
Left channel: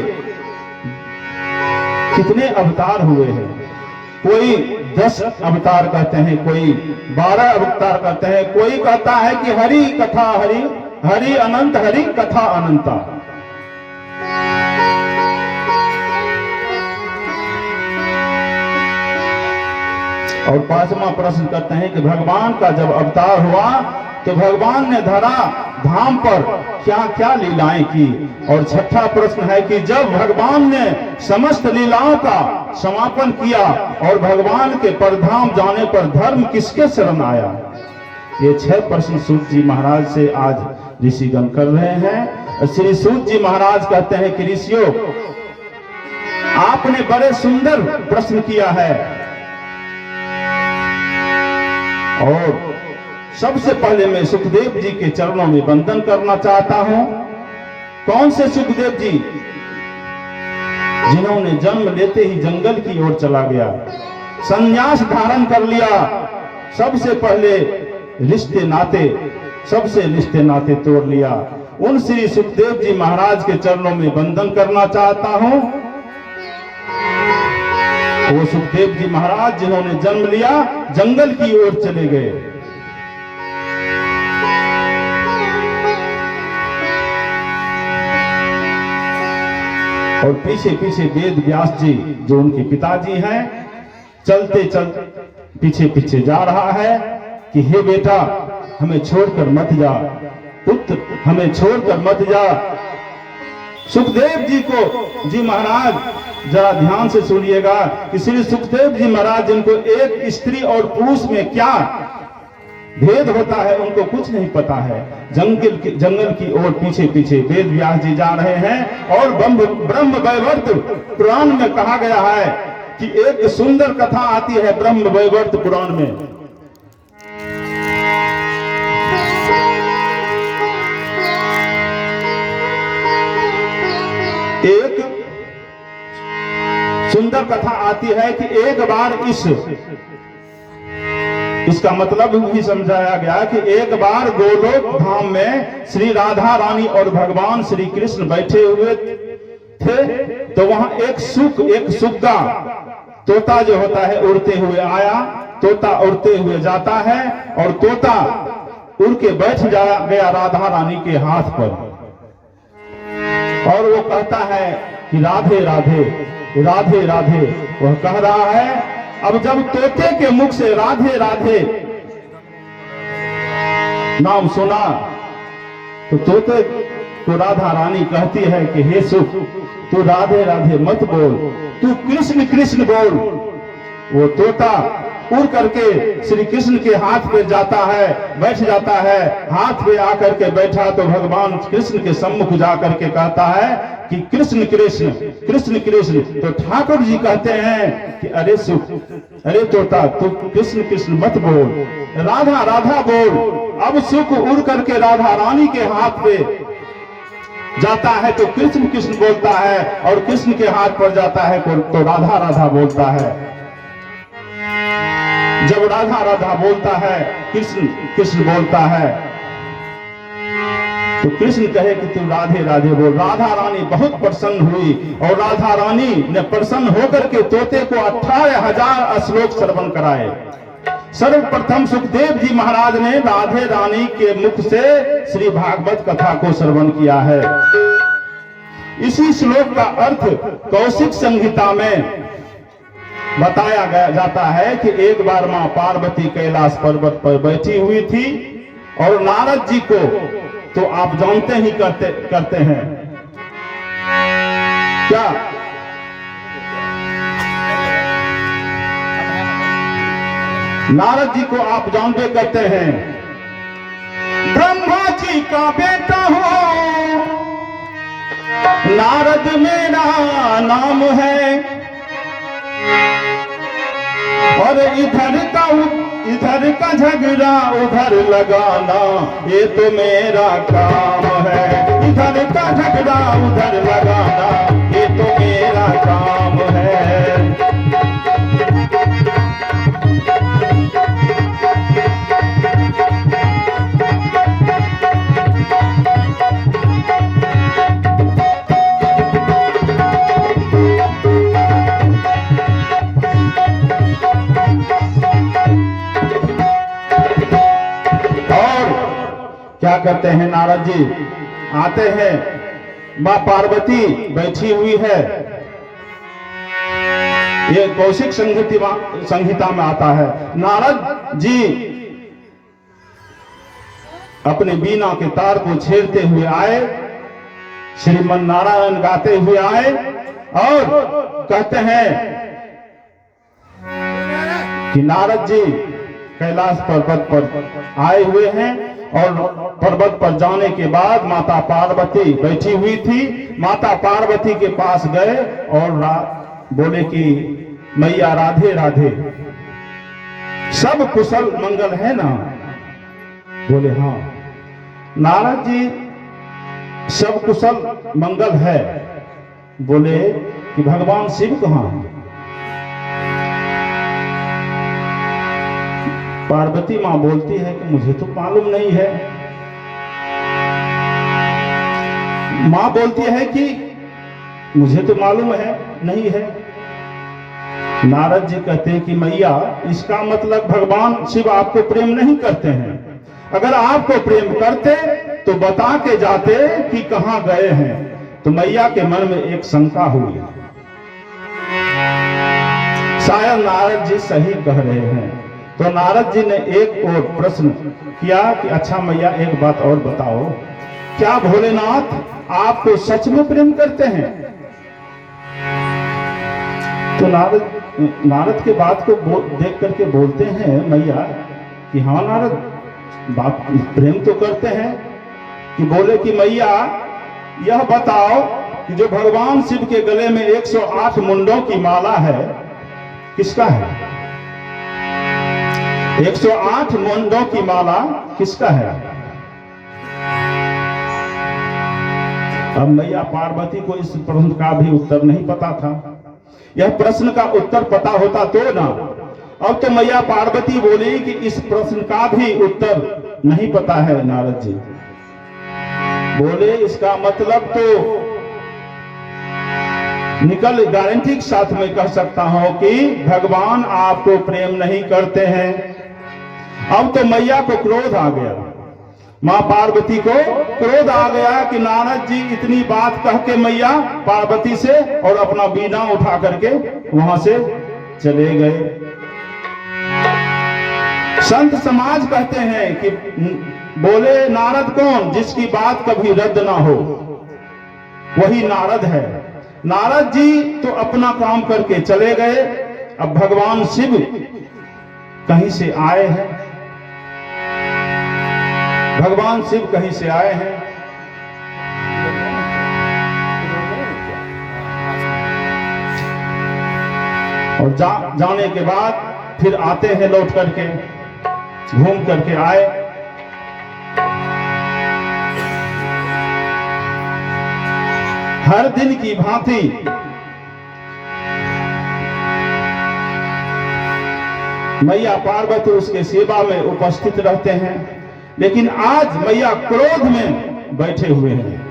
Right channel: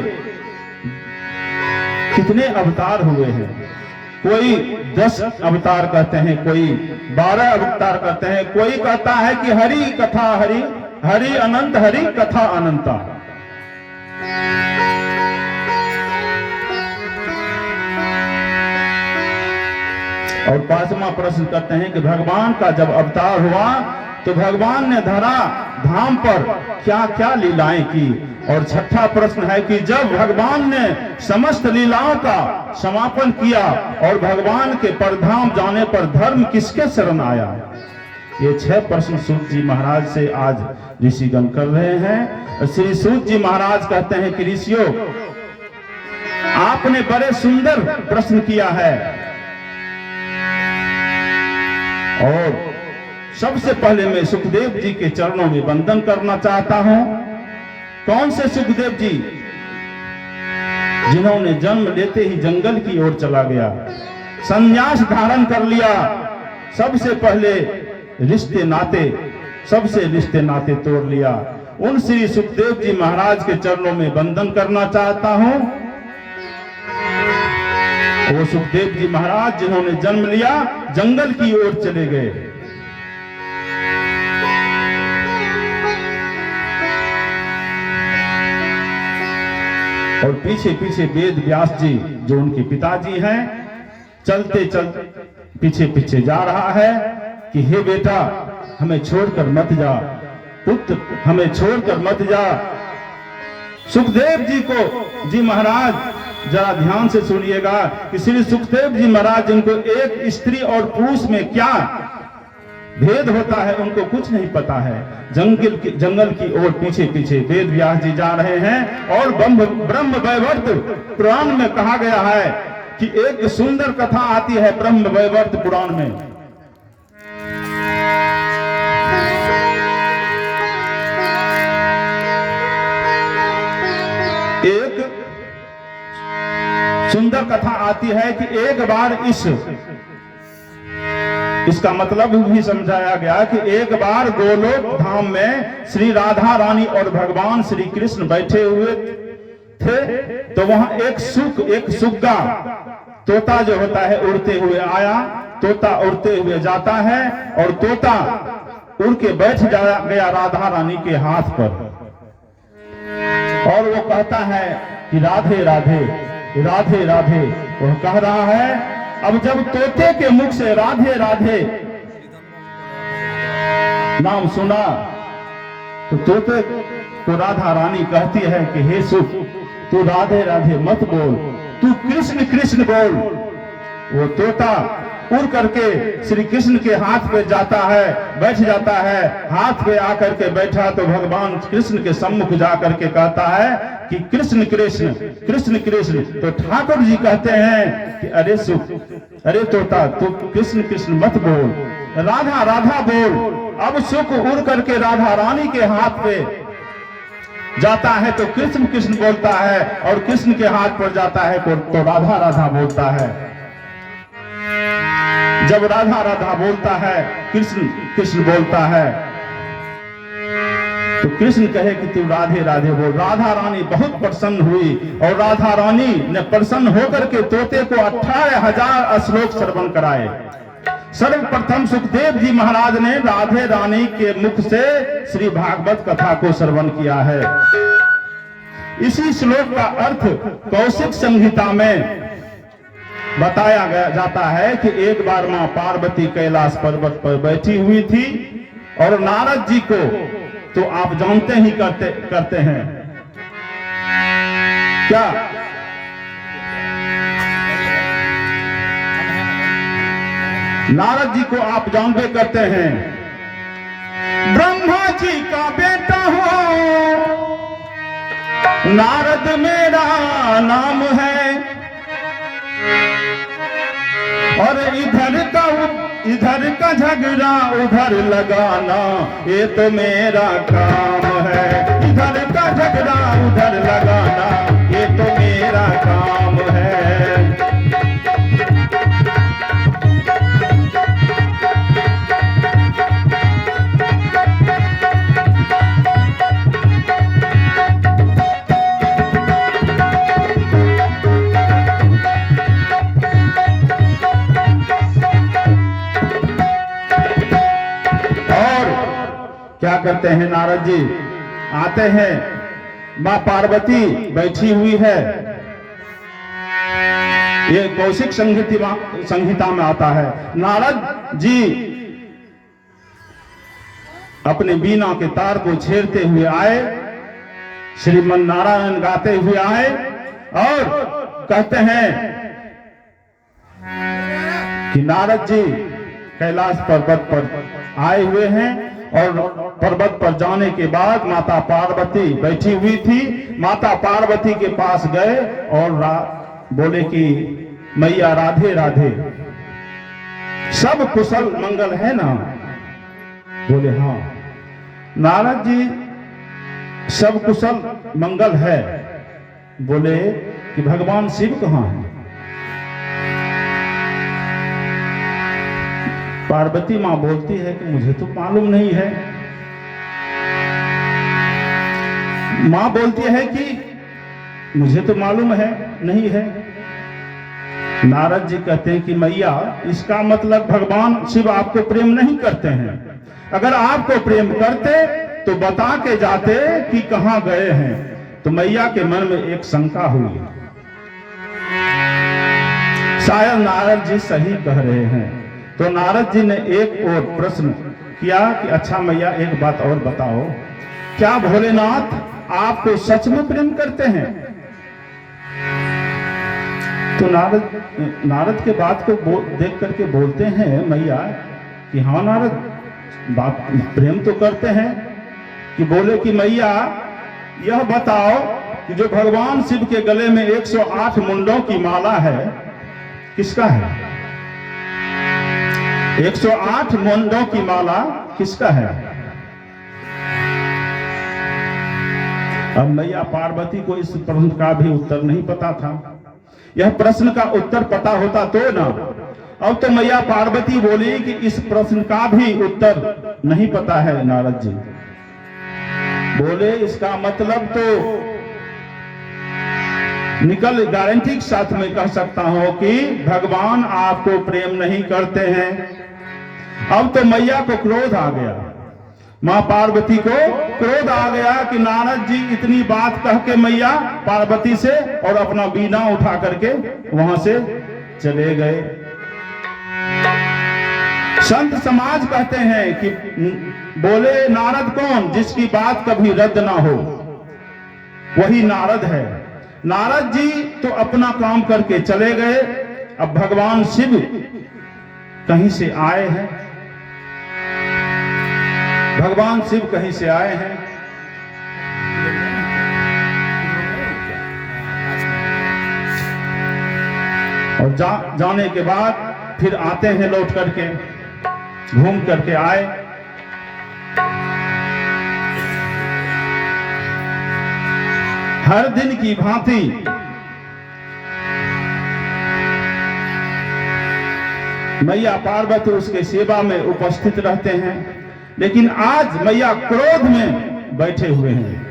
कितने अवतार हुए हैं। कोई 10 अवतार कहते हैं, कोई 12 अवतार कहते हैं, कोई कहता है कि हरि कथा हरि, हरि अनंत, हरि कथा अनंता। और 5वां प्रश्न कहते हैं कि भगवान का जब अवतार हुआ तो भगवान ने धरा धाम पर क्या क्या लीलाएं की। और 6ठा प्रश्न है कि जब भगवान ने समस्त लीलाओं का समापन किया और भगवान के परधाम जाने पर धर्म किसके शरण आया। ये 6 प्रश्न सूत जी महाराज से आज ऋषिगण कर रहे हैं। श्री सूत जी महाराज कहते हैं कि ऋषियों, आपने बड़े सुंदर प्रश्न किया है, और सबसे पहले मैं सुखदेव जी के चरणों में वंदन करना चाहता हूं। कौन से सुखदेव जी? जिन्होंने जन्म लेते ही जंगल की ओर चला गया, संन्यास धारण कर लिया, सबसे पहले रिश्ते नाते तोड़ लिया। उन श्री सुखदेव जी महाराज के चरणों में वंदन करना चाहता हूं। वो सुखदेव जी महाराज जिन्होंने जन्म लिया, जंगल की ओर चले गए। और पीछे पीछे वेद व्यास जी जो उनके पिताजी हैं, चलते चलते पीछे पीछे जा रहा है कि हे बेटा, हमें छोड़कर मत जा, पुत्र हमें छोड़कर मत जा। सुखदेव जी महाराज जरा ध्यान से सुनिएगा कि श्री सुखदेव जी महाराज, जिनको एक स्त्री और पुरुष में क्या भेद होता है उनको कुछ नहीं पता है, जंगल की ओर पीछे पीछे वेद व्यास जी जा रहे हैं। और ब्रह्म वैवर्त पुराण में कहा गया है कि एक सुंदर कथा आती है ब्रह्म वैवर्त पुराण में। एक सुंदर कथा आती है कि एक बार इसका मतलब भी समझाया गया कि एक बार गोलोक धाम में श्री राधा रानी और भगवान श्री कृष्ण बैठे हुए थे। तो वहां एक सुग्गा तोता जो होता है उड़ते हुए आया। तोता उड़ते हुए जाता है और तोता उड़ के बैठ गया राधा रानी के हाथ पर और वो कहता है कि राधे राधे राधे राधे। वह कह रहा है। अब जब तोते के मुख से राधे राधे नाम सुना तो तोते को राधा रानी कहती है कि हे सुख, तू राधे राधे मत बोल, तू कृष्ण कृष्ण बोल। वो तोता उड़ करके श्री कृष्ण के हाथ पे जाता है, बैठ जाता है। हाथ पे आकर के बैठा तो भगवान कृष्ण के सम्मुख जाकर के कहता है कि कृष्ण कृष्ण कृष्ण कृष्ण। तो ठाकुर जी कहते हैं कि अरे सुख, अरे तोता, तू कृष्ण कृष्ण मत बोल, राधा राधा बोल। अब सुख उड़ करके राधा रानी के हाथ पे जाता है तो कृष्ण कृष्ण बोलता है और कृष्ण के हाथ पर जाता है तो राधा राधा बोलता है। जब राधा राधा बोलता है, कृष्ण कृष्ण बोलता है, तो कृष्ण कहे कि तू राधे राधे बोल। राधा रानी बहुत प्रसन्न हुई और राधा रानी ने प्रसन्न होकर के तोते को 18,000 श्लोक श्रवण कराए। सर्वप्रथम सुखदेव जी महाराज ने राधे रानी के मुख से श्री भागवत कथा को श्रवण किया है। इसी श्लोक का अर्थ कौशिक संहिता में बताया जाता है कि एक बार मां पार्वती कैलाश पर्वत पर बैठी हुई थी और नारद जी को तो आप जानते ही करते हैं क्या, नारद जी को आप जानते करते हैं। ब्रह्मा जी का बेटा हो नारद मेरा नाम है और इधर का झगड़ा उधर लगाना ये तो मेरा काम है। इधर का झगड़ा उधर लगाना ये तो मेरा काम है। क्या करते हैं नारद जी, आते हैं, मां पार्वती बैठी हुई है। ये कौशिक संहिता में आता है। नारद जी अपने बीना के तार को छेड़ते हुए आए, श्रीमन नारायण गाते हुए आए और कहते हैं कि नारद जी कैलाश पर्वत पर आए हुए हैं और पर्वत पर जाने के बाद माता पार्वती बैठी हुई थी। माता पार्वती के पास गए और बोले कि मैया राधे राधे, सब कुशल मंगल है ना? बोले हाँ। नारद जी सब कुशल मंगल है। बोले कि भगवान शिव कहाँ है? पार्वती मां बोलती है कि मुझे तो मालूम नहीं है। मां बोलती है कि मुझे तो मालूम है नहीं है। नारद जी कहते हैं कि मैया, इसका मतलब भगवान शिव आपको प्रेम नहीं करते हैं। अगर आपको प्रेम करते तो बता के जाते कि कहां गए हैं। तो मैया के मन में एक शंका हुई, शायद नारद जी सही कह रहे हैं। तो नारद जी ने एक और प्रश्न किया कि अच्छा मैया, एक बात और बताओ, क्या भोलेनाथ आपको सच में प्रेम करते हैं? तो नारद के बात को देख करके बोलते हैं मैया कि हाँ नारद, बात प्रेम तो करते हैं, कि बोले कि मैया यह बताओ कि जो भगवान शिव के गले में 108 मुंडों की माला है किसका है? 108 मुंडों की माला किसका है? अब मैया पार्वती को इस प्रश्न का भी उत्तर नहीं पता था। यह प्रश्न का उत्तर पता होता तो ना। अब तो मैया पार्वती बोली कि इस प्रश्न का भी उत्तर नहीं पता है नारद जी। बोले इसका मतलब तो निकल गारंटी के साथ में कह सकता हूं कि भगवान आपको प्रेम नहीं करते हैं। अब तो मैया को क्रोध आ गया, मां पार्वती को क्रोध आ गया कि नारद जी इतनी बात कह के मैया पार्वती से और अपना बीना उठा करके वहां से चले गए। संत समाज कहते हैं कि बोले नारद कौन? जिसकी बात कभी रद्द ना हो वही नारद है। नारद जी तो अपना काम करके चले गए। अब भगवान शिव कहीं से आए हैं, भगवान शिव कहीं से आए हैं। और जाने के बाद फिर आते हैं लौट करके, घूम करके आए। हर दिन की भांति मैया पार्वती उसके सेवा में उपस्थित रहते हैं, लेकिन आज मैया क्रोध में बैठे हुए हैं।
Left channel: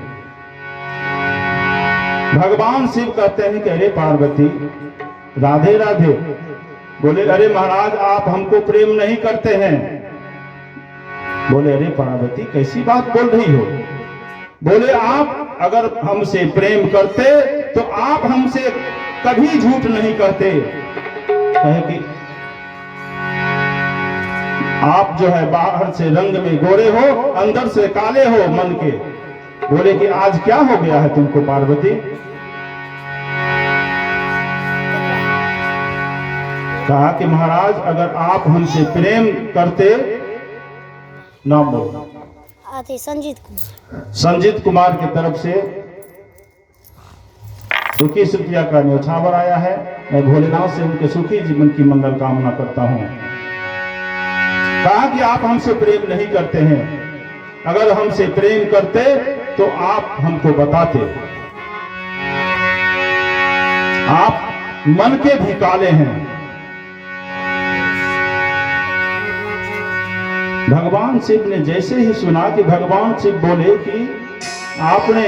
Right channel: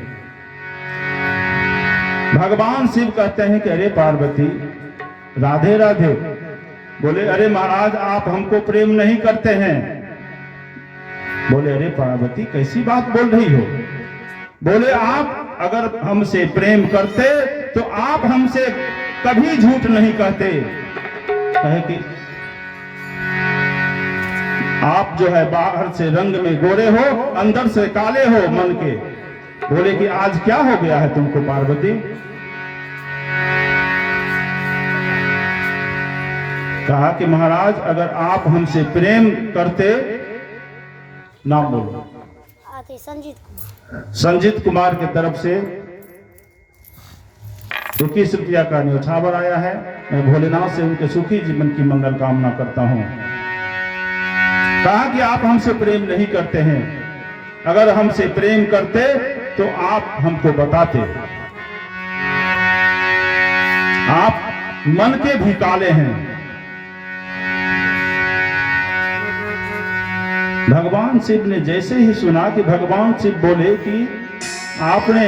भगवान शिव कहते हैं कि अरे पार्वती राधे राधे। बोले अरे महाराज आप हमको प्रेम नहीं करते हैं। बोले अरे पार्वती कैसी बात बोल रही हो? बोले आप अगर हमसे प्रेम करते तो आप हमसे कभी झूठ नहीं कहते। कहे कि आप जो है बाहर से रंग में गोरे हो, अंदर से काले हो मन के। बोले कि आज क्या हो गया है तुमको पार्वती? कहा कि महाराज अगर आप हमसे प्रेम करते, नाम बोलो। संजीत कुमार की तरफ से 21 रुपया का न्यौछावर आया है। मैं भोलेनाथ से उनके सुखी जीवन की मंगल कामना करता हूं। कहा कि आप हमसे प्रेम नहीं करते हैं, अगर हमसे प्रेम करते तो आप हमको बताते। आप मन के भी काले हैं। भगवान शिव ने जैसे ही सुना कि भगवान शिव बोले कि आपने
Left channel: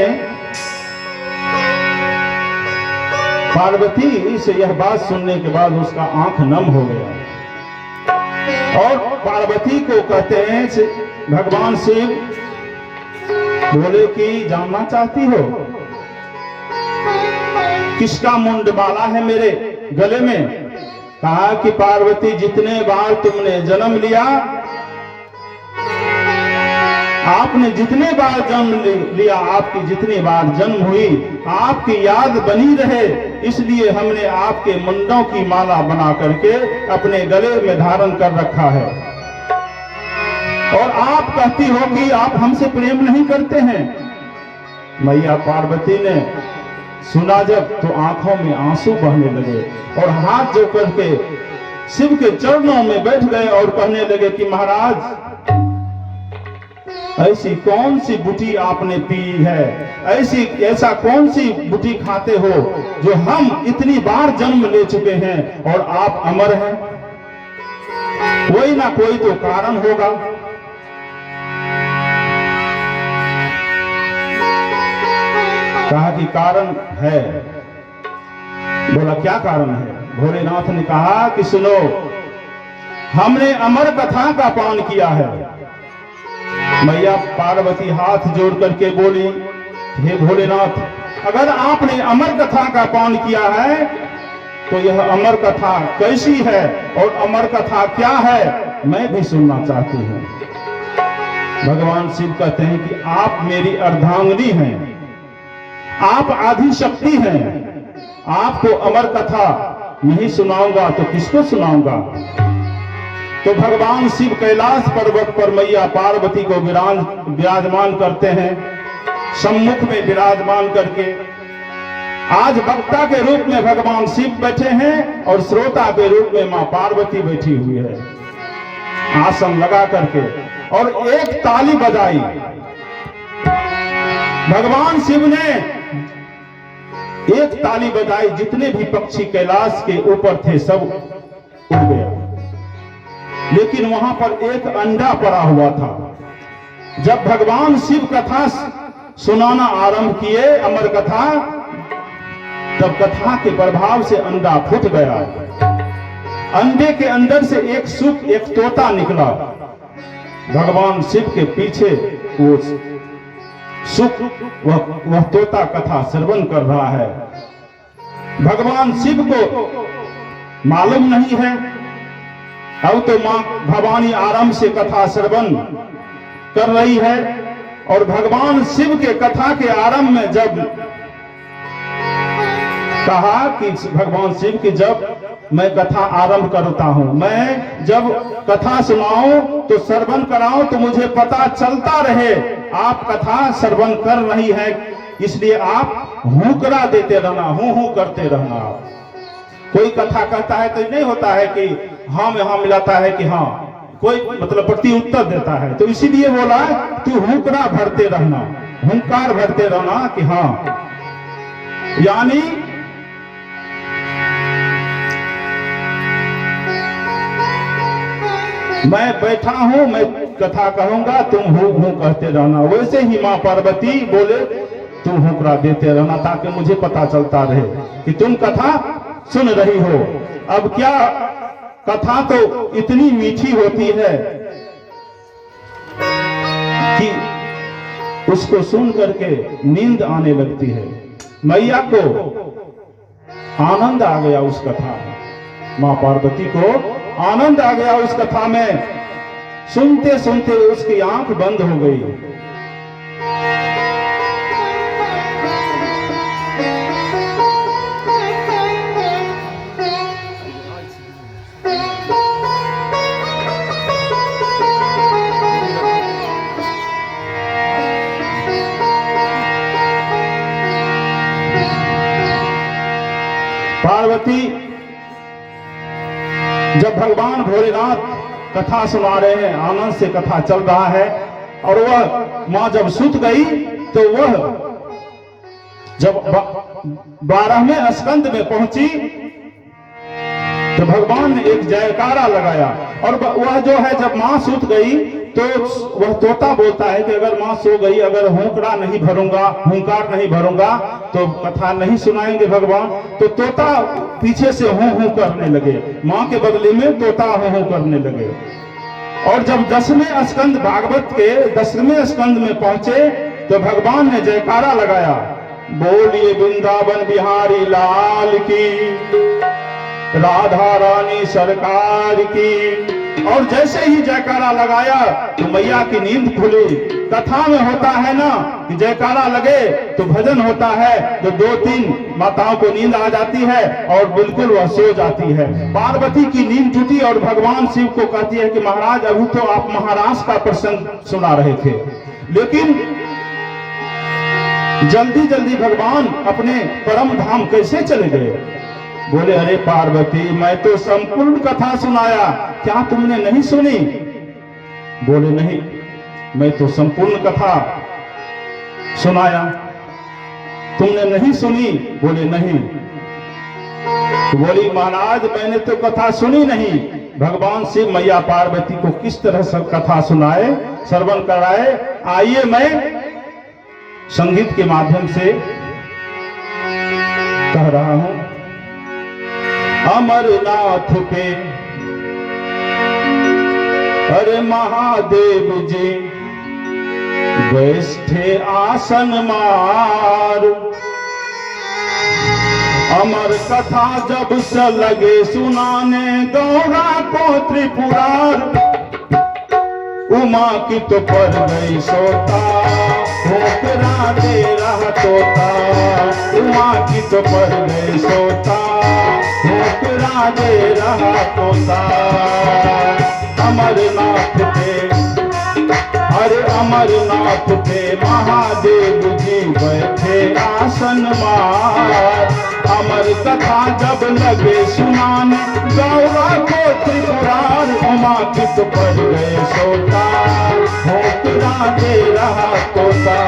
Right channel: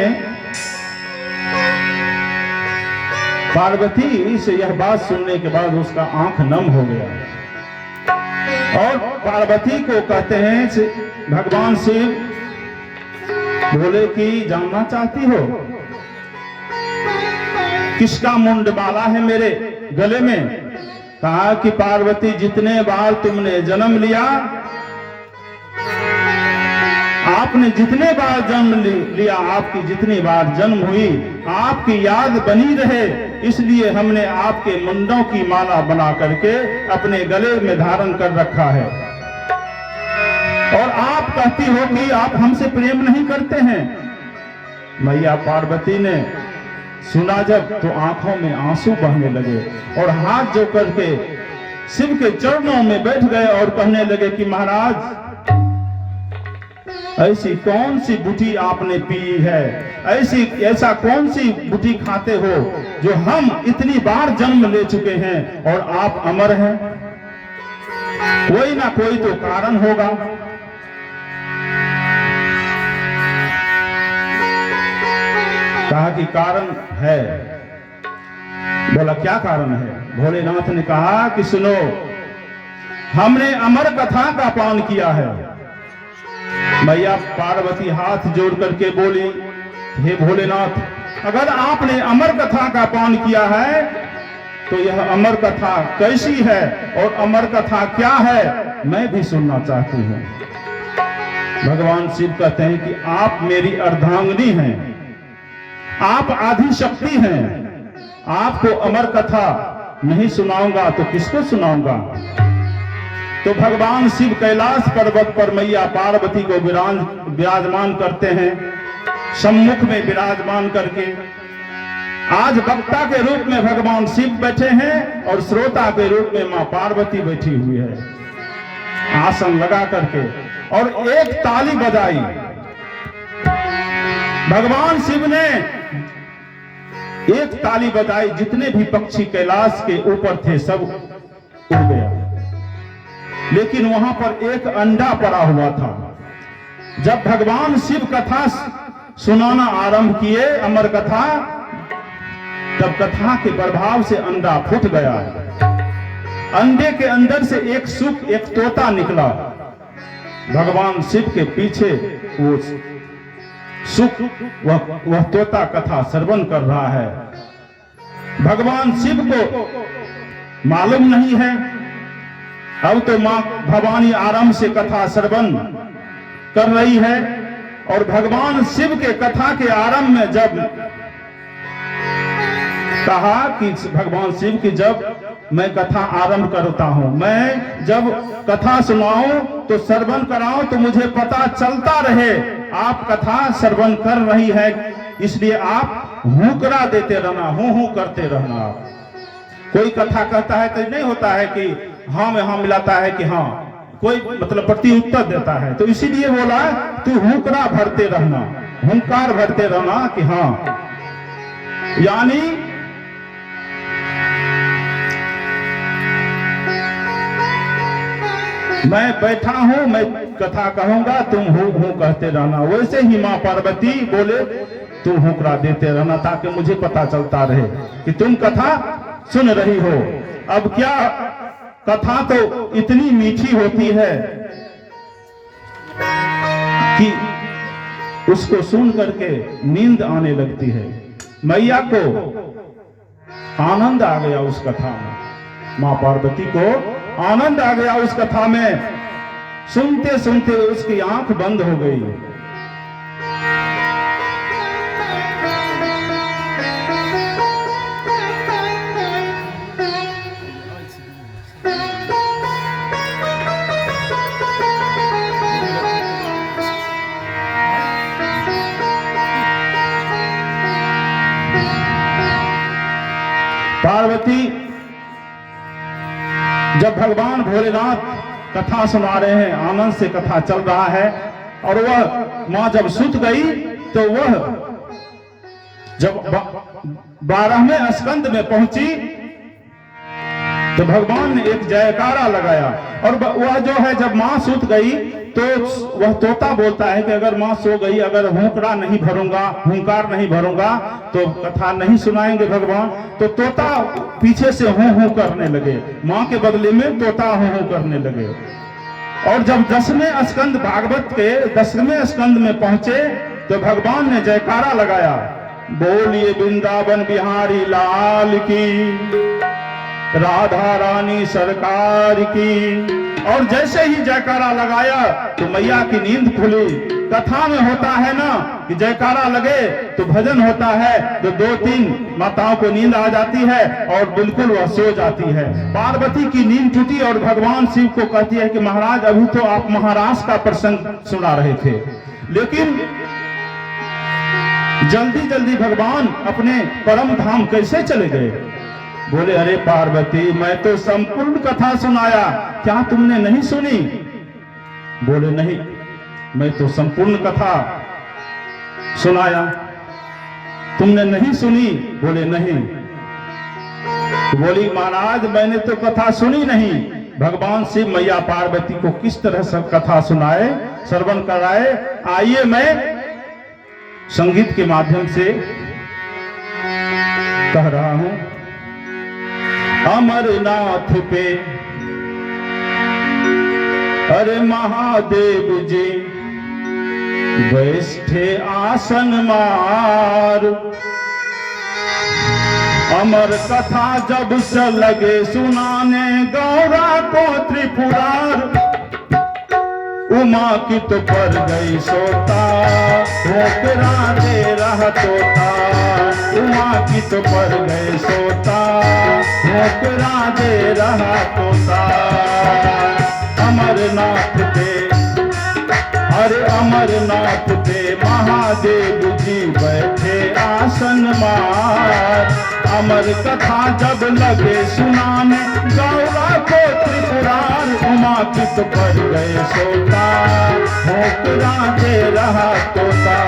पार्वती से यह बात सुनने के बाद उसका आंख नम हो गया। और पार्वती को कहते हैं भगवान शिव बोले कि जानना चाहती हो किसका मुंड माला है मेरे गले में? कहा कि पार्वती जितने बार तुमने जन्म लिया, आपने जितने बार जन्म लिया, आपकी जितनी बार जन्म हुई, आपकी याद बनी रहे, इसलिए हमने आपके मुंडों की माला बना करके अपने गले में धारण कर रखा है। और आप कहती हो कि आप हमसे प्रेम नहीं करते हैं। मैया पार्वती ने सुना जब तो आंखों में आंसू बहने लगे और हाथ जो करके शिव के चरणों में बैठ गए और कहने लगे कि महाराज ऐसी कौन सी बूटी आपने पी है, ऐसा कौन सी बूटी खाते हो जो हम इतनी बार जन्म ले चुके हैं और आप अमर हैं? कोई ना कोई तो कारण होगा। कहा कि कारण है। बोला क्या कारण है? भोलेनाथ ने कहा कि सुनो, हमने अमर कथा का पान किया है। मैया पार्वती हाथ जोड़ करके बोली, हे भोलेनाथ, अगर आपने अमर कथा का पान किया है तो यह अमर कथा कैसी है और अमर कथा क्या है, मैं भी सुनना चाहती हूँ। भगवान शिव कहते हैं कि आप मेरी अर्धांगिनी हैं, आप आदि शक्ति हैं, आपको अमर कथा नहीं सुनाऊंगा तो किसको सुनाऊंगा? तो भगवान शिव कैलाश पर्वत पर मैया पार्वती को विराजमान करते हैं, सम्मुख में विराजमान करके। आज वक्ता के रूप में भगवान शिव बैठे हैं और श्रोता के रूप में मां पार्वती बैठी हुई है आसन लगा करके, और एक ताली बजाई। भगवान शिव ने एक ताली बजाई, जितने भी पक्षी कैलाश के ऊपर थे सब उड़ गया, लेकिन वहां पर एक अंडा पड़ा हुआ था। जब भगवान शिव कथा सुनाना आरंभ किए, अमर कथा, तब कथा के प्रभाव से अंडा फूट गया। अंडे के अंदर से एक सुख, एक तोता निकला। भगवान शिव के पीछे वो सुख, वह तोता कथा श्रवण कर रहा है। भगवान शिव को मालूम नहीं है, अब तो मां भवानी आराम से कथा श्रवण कर रही है। और भगवान शिव के कथा के आरंभ में जब कहा कि भगवान शिव की जब मैं कथा आरंभ करता हूं, मैं जब कथा सुनाऊं तो श्रवण कराऊं तो मुझे पता चलता रहे आप कथा श्रवण कर रही है, इसलिए आप हुकरा देते रहना, हूं करते रहना। कोई कथा कहता है तो नहीं होता है कि हाँ में हाँ मिलाता है कि हाँ, कोई मतलब प्रति उत्तर देता है, तो इसीलिए बोला तू हुकरा भरते रहना, हुंकार भरते रहना कि हाँ। यानी मैं बैठा हूं, मैं कथा कहूंगा, तुम हूं कहते रहना। वैसे ही मां पार्वती बोले तुम हुकरा देते रहना, ताकि मुझे पता चलता रहे कि तुम कथा सुन रही हो। अब क्या कथा तो इतनी मीठी होती है कि उसको सुन करके नींद आने लगती है। मैया को आनंद आ गया उस कथा में, मां पार्वती को आनंद आ गया उस कथा में। सुनते सुनते उसकी आंख बंद हो गई। पार्वती जब भगवान भोलेनाथ कथा सुना रहे हैं, आनंद से कथा चल रहा है, और वह मां जब सुत गई तो वह जब 12वें स्कंद में पहुंची तो भगवान ने एक जयकारा लगाया। और वह जो है जब मां सुत गई तो वह तोता बोलता है कि अगर मां सो गई, अगर हुंकड़ा नहीं भरूंगा, हुंकार नहीं भरूंगा तो कथा नहीं सुनाएंगे भगवान। तो तोता पीछे से हूं करने लगे, मां के बदले में तोता हूं करने लगे। और जब 10वें स्कंद, भागवत के 10वें स्कंद में पहुंचे तो भगवान ने जयकारा लगाया, बोलिए वृंदावन बिहारी लाल की, राधा रानी सरकार की। और जैसे ही जयकारा लगाया तो मैया की नींद खुली। कथा में होता है ना कि जयकारा लगे तो भजन होता है, तो 2-3 माताओं को नींद आ जाती है और बिल्कुल वह सो जाती है। पार्वती की नींद टूटी और भगवान शिव को कहती है कि महाराज अभी तो आप महाराष्ट्र का प्रसंग सुना रहे थे, लेकिन जल्दी जल्दी भगवान अपने परम धाम कैसे चले गए? बोले अरे पार्वती, मैं तो संपूर्ण कथा सुनाया, क्या तुमने नहीं सुनी? बोले नहीं, मैं तो संपूर्ण कथा सुनाया, तुमने नहीं सुनी? बोले नहीं। तो बोली महाराज मैंने तो कथा सुनी नहीं। भगवान शिव मैया पार्वती को किस तरह से कथा सुनाए, श्रवण कराए, आइए मैं संगीत के माध्यम से कह रहा हूं। अमरनाथ पे अरे महादेव जी बैठे आसन मार, अमर कथा जब से लगे सुनाने गौरा को त्रिपुरार, उमा की तो पर गई सोता, ठोकरा दे रहा तोता, उमा की तो पर गई सोता, ठोकरा दे रहा तोता। अमरनाथ पे, अरे अमरनाथ पे महादेव जी बैठे आसन मार। अमर कथा जब लगे सुनाने गौरा को त्रिपुरार, उमापित पर गए सोता भोकरा दे रहा तोता।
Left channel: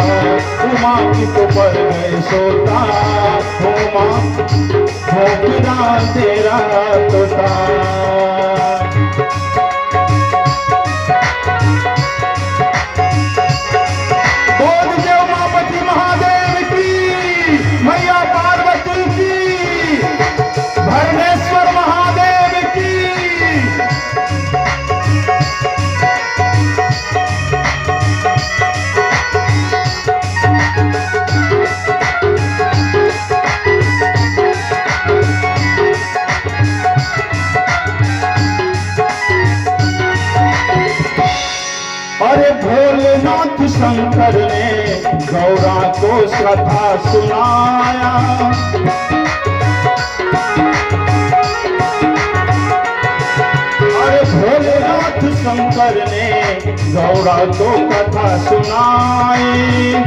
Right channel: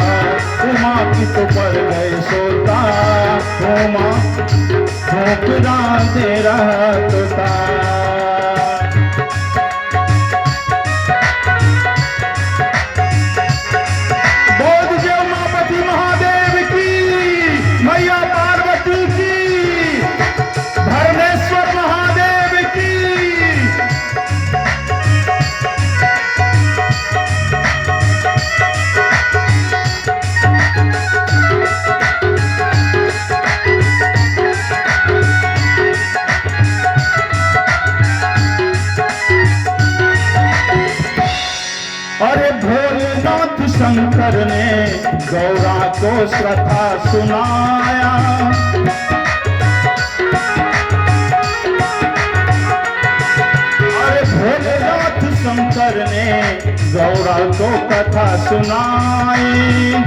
उमापित पर गए सोता उमा भोकरा दे रहा तोता। मैया पार्वती की, भरमेश्वर महादेव की। अरे भोलेनाथ शंकर ने गौरा को कथा सुनाया। अरे भोलेनाथ शंकर ने गौरा को कथा सुनाई।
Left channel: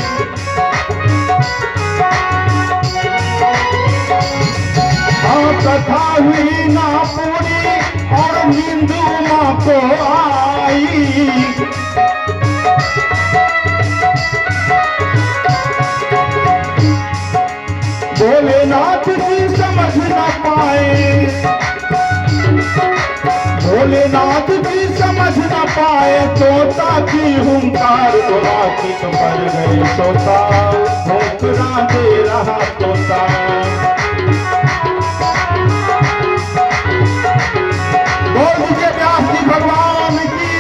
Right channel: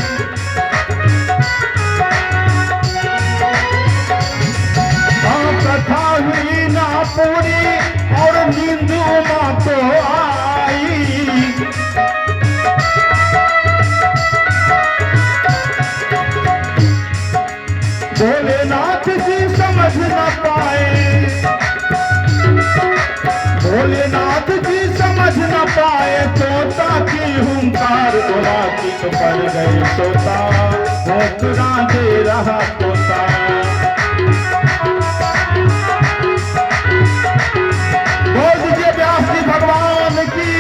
हाँ कथा हुई ना पूरी और नींद उमा को आई। भोलेनाथ जी समझ न पाए, भोलेनाथ जी समझ न पाए तोता की हुंकार। उमापित पर गए सोता भोकरा दे रहा तोता। बोल दीजिए व्यास जी भगवान की।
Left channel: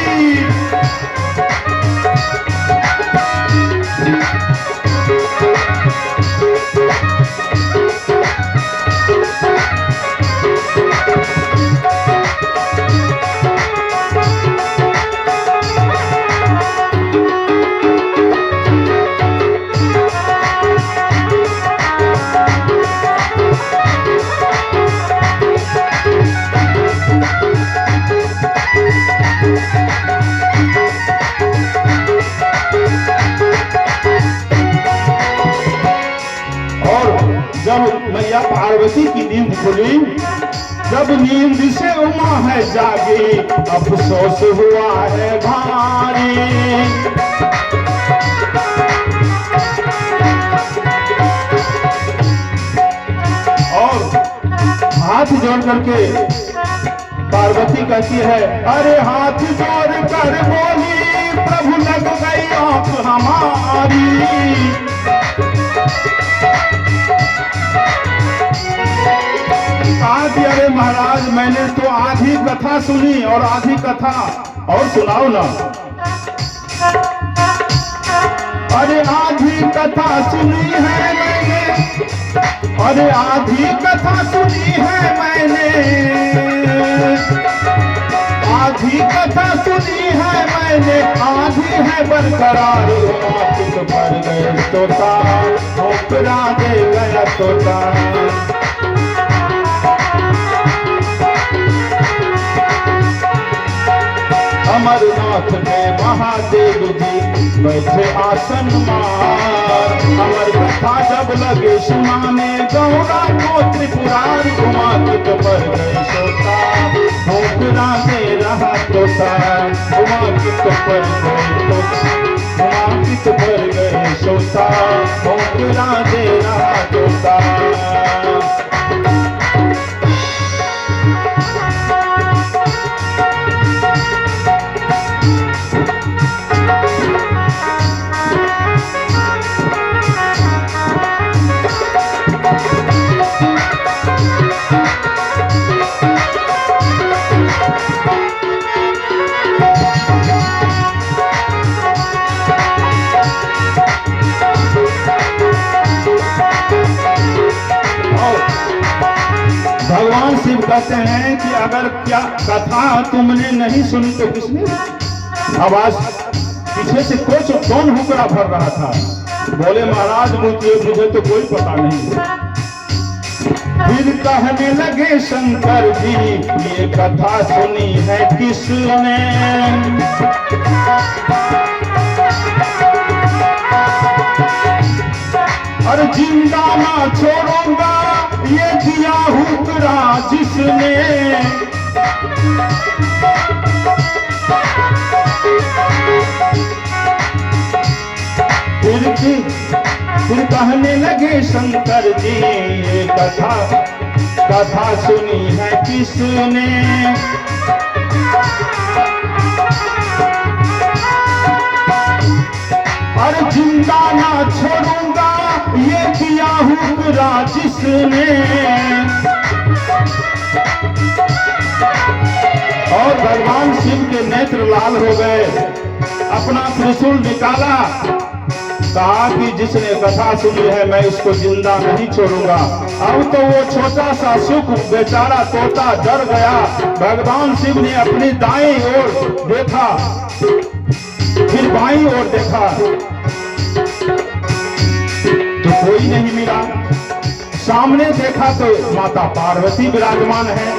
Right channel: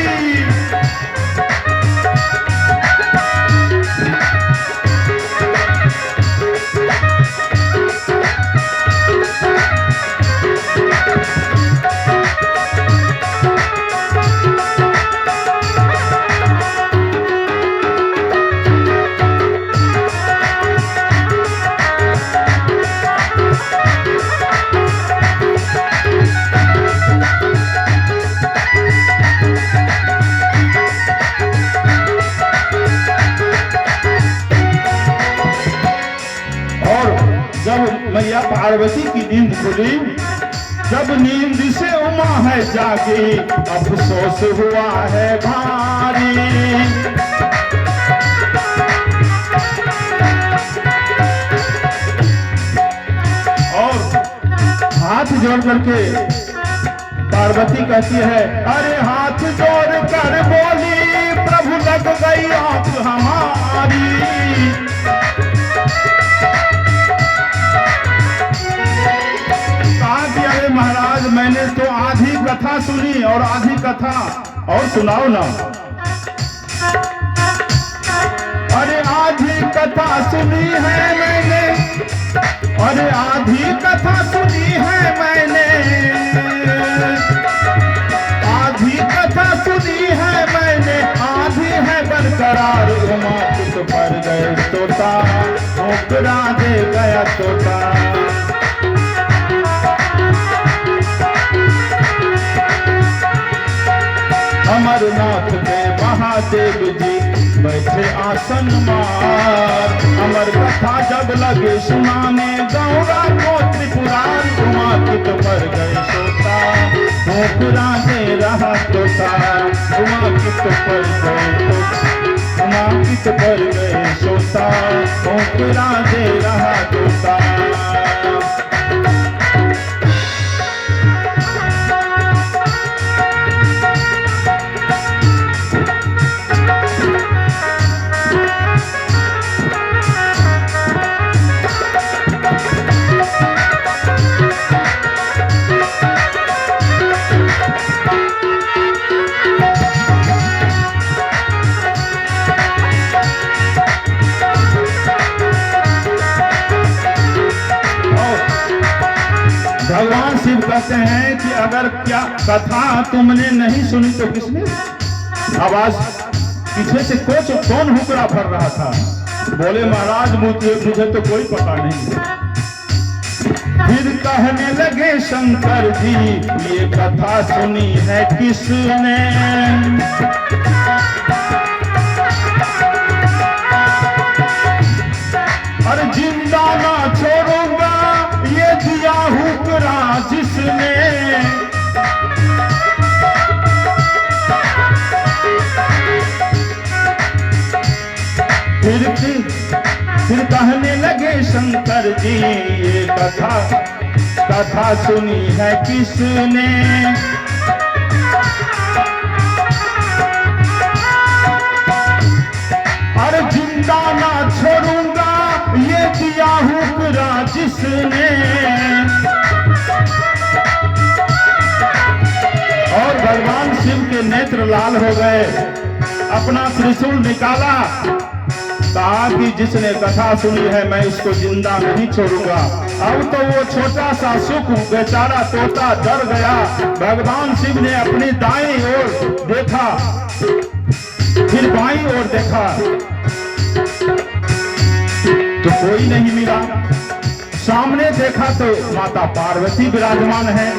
जब मैया पार्वती की नींद खुली, जब नींद से उमा है जागी, अफसोस हुआ है भारी। और हाथ जोड़ करके पार्वती कहती है, अरे हाथ जोड़ कर बोली प्रभु लग गई आंख हमारी। अरे महाराज मैंने तो आधी कथा सुनी और आधी कथा और सुनाओ ना। अरे आधी कथा सुनी है मैंने, अरे आधी कथा सुनी है मैंने, आधी कथा सुनी है मैंने, आधी है बरकरार। उमापित पर गए तोता भोकरा दे गया तोता। अमरनाथ में महादेव जी बैठे आसन मार। अमर कथा जब लगे सुनाने गौरा को त्रिपुरार। उमापित पर गए सोता भोकरा दे रहा तोता। उमापित पर गए तोता, उमापित पर गए सोता भोकरा दे रहा तोता। भगवान शिव कहते हैं कि अगर क्या कथा तुमने नहीं सुनी तो किसने? आवाज पीछे से कौन हुक्का भर रहा था? बोले महाराज मुझे तो कोई पता नहीं। फिर कहने लगे शंकर जी, ये कथा सुनी है किसने? हर जिंदा ना छोड़ूंगा ये दिया हुक्रा जिसने। फिर कहने लगे शंकर जी, ये कथा सुनी है किसने? अरे जिंदा ना छोड़ूंगा ये दिया हुक्रा जिसने। और भगवान शिव के नेत्र लाल हो गए, अपना त्रिशूल निकाला, कहा कि जिसने कथा सुनी है मैं इसको जिंदा नहीं छोड़ूंगा। अब तो वो छोटा सा सुख बेचारा तोता डर गया। भगवान शिव ने अपनी दाईं ओर देखा, फिर बाईं ओर देखा तो कोई नहीं मिला। सामने देखा तो माता पार्वती विराजमान है,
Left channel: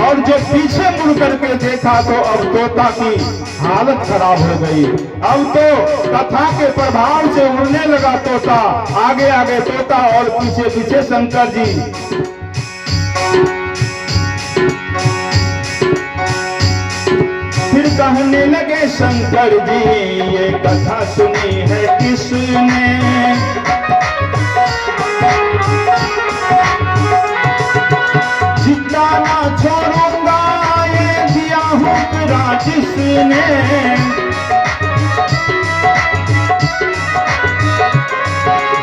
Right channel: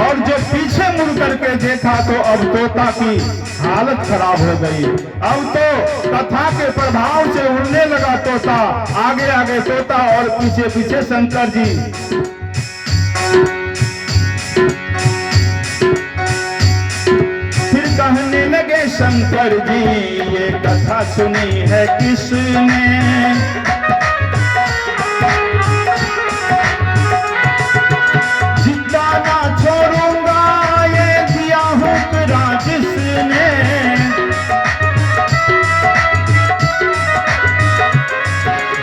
और जो पीछे मुड़ करके देखा तो अब तोता की हालत खराब हो गई। अब तो कथा के प्रभाव से उड़ने लगा तोता, आगे आगे तोता और पीछे पीछे शंकर जी। फिर कहने लगे शंकर जी, ये कथा सुनी है किसने? जिंदा ना छोड़ूंगा ये दिया हुक्रा जिसने।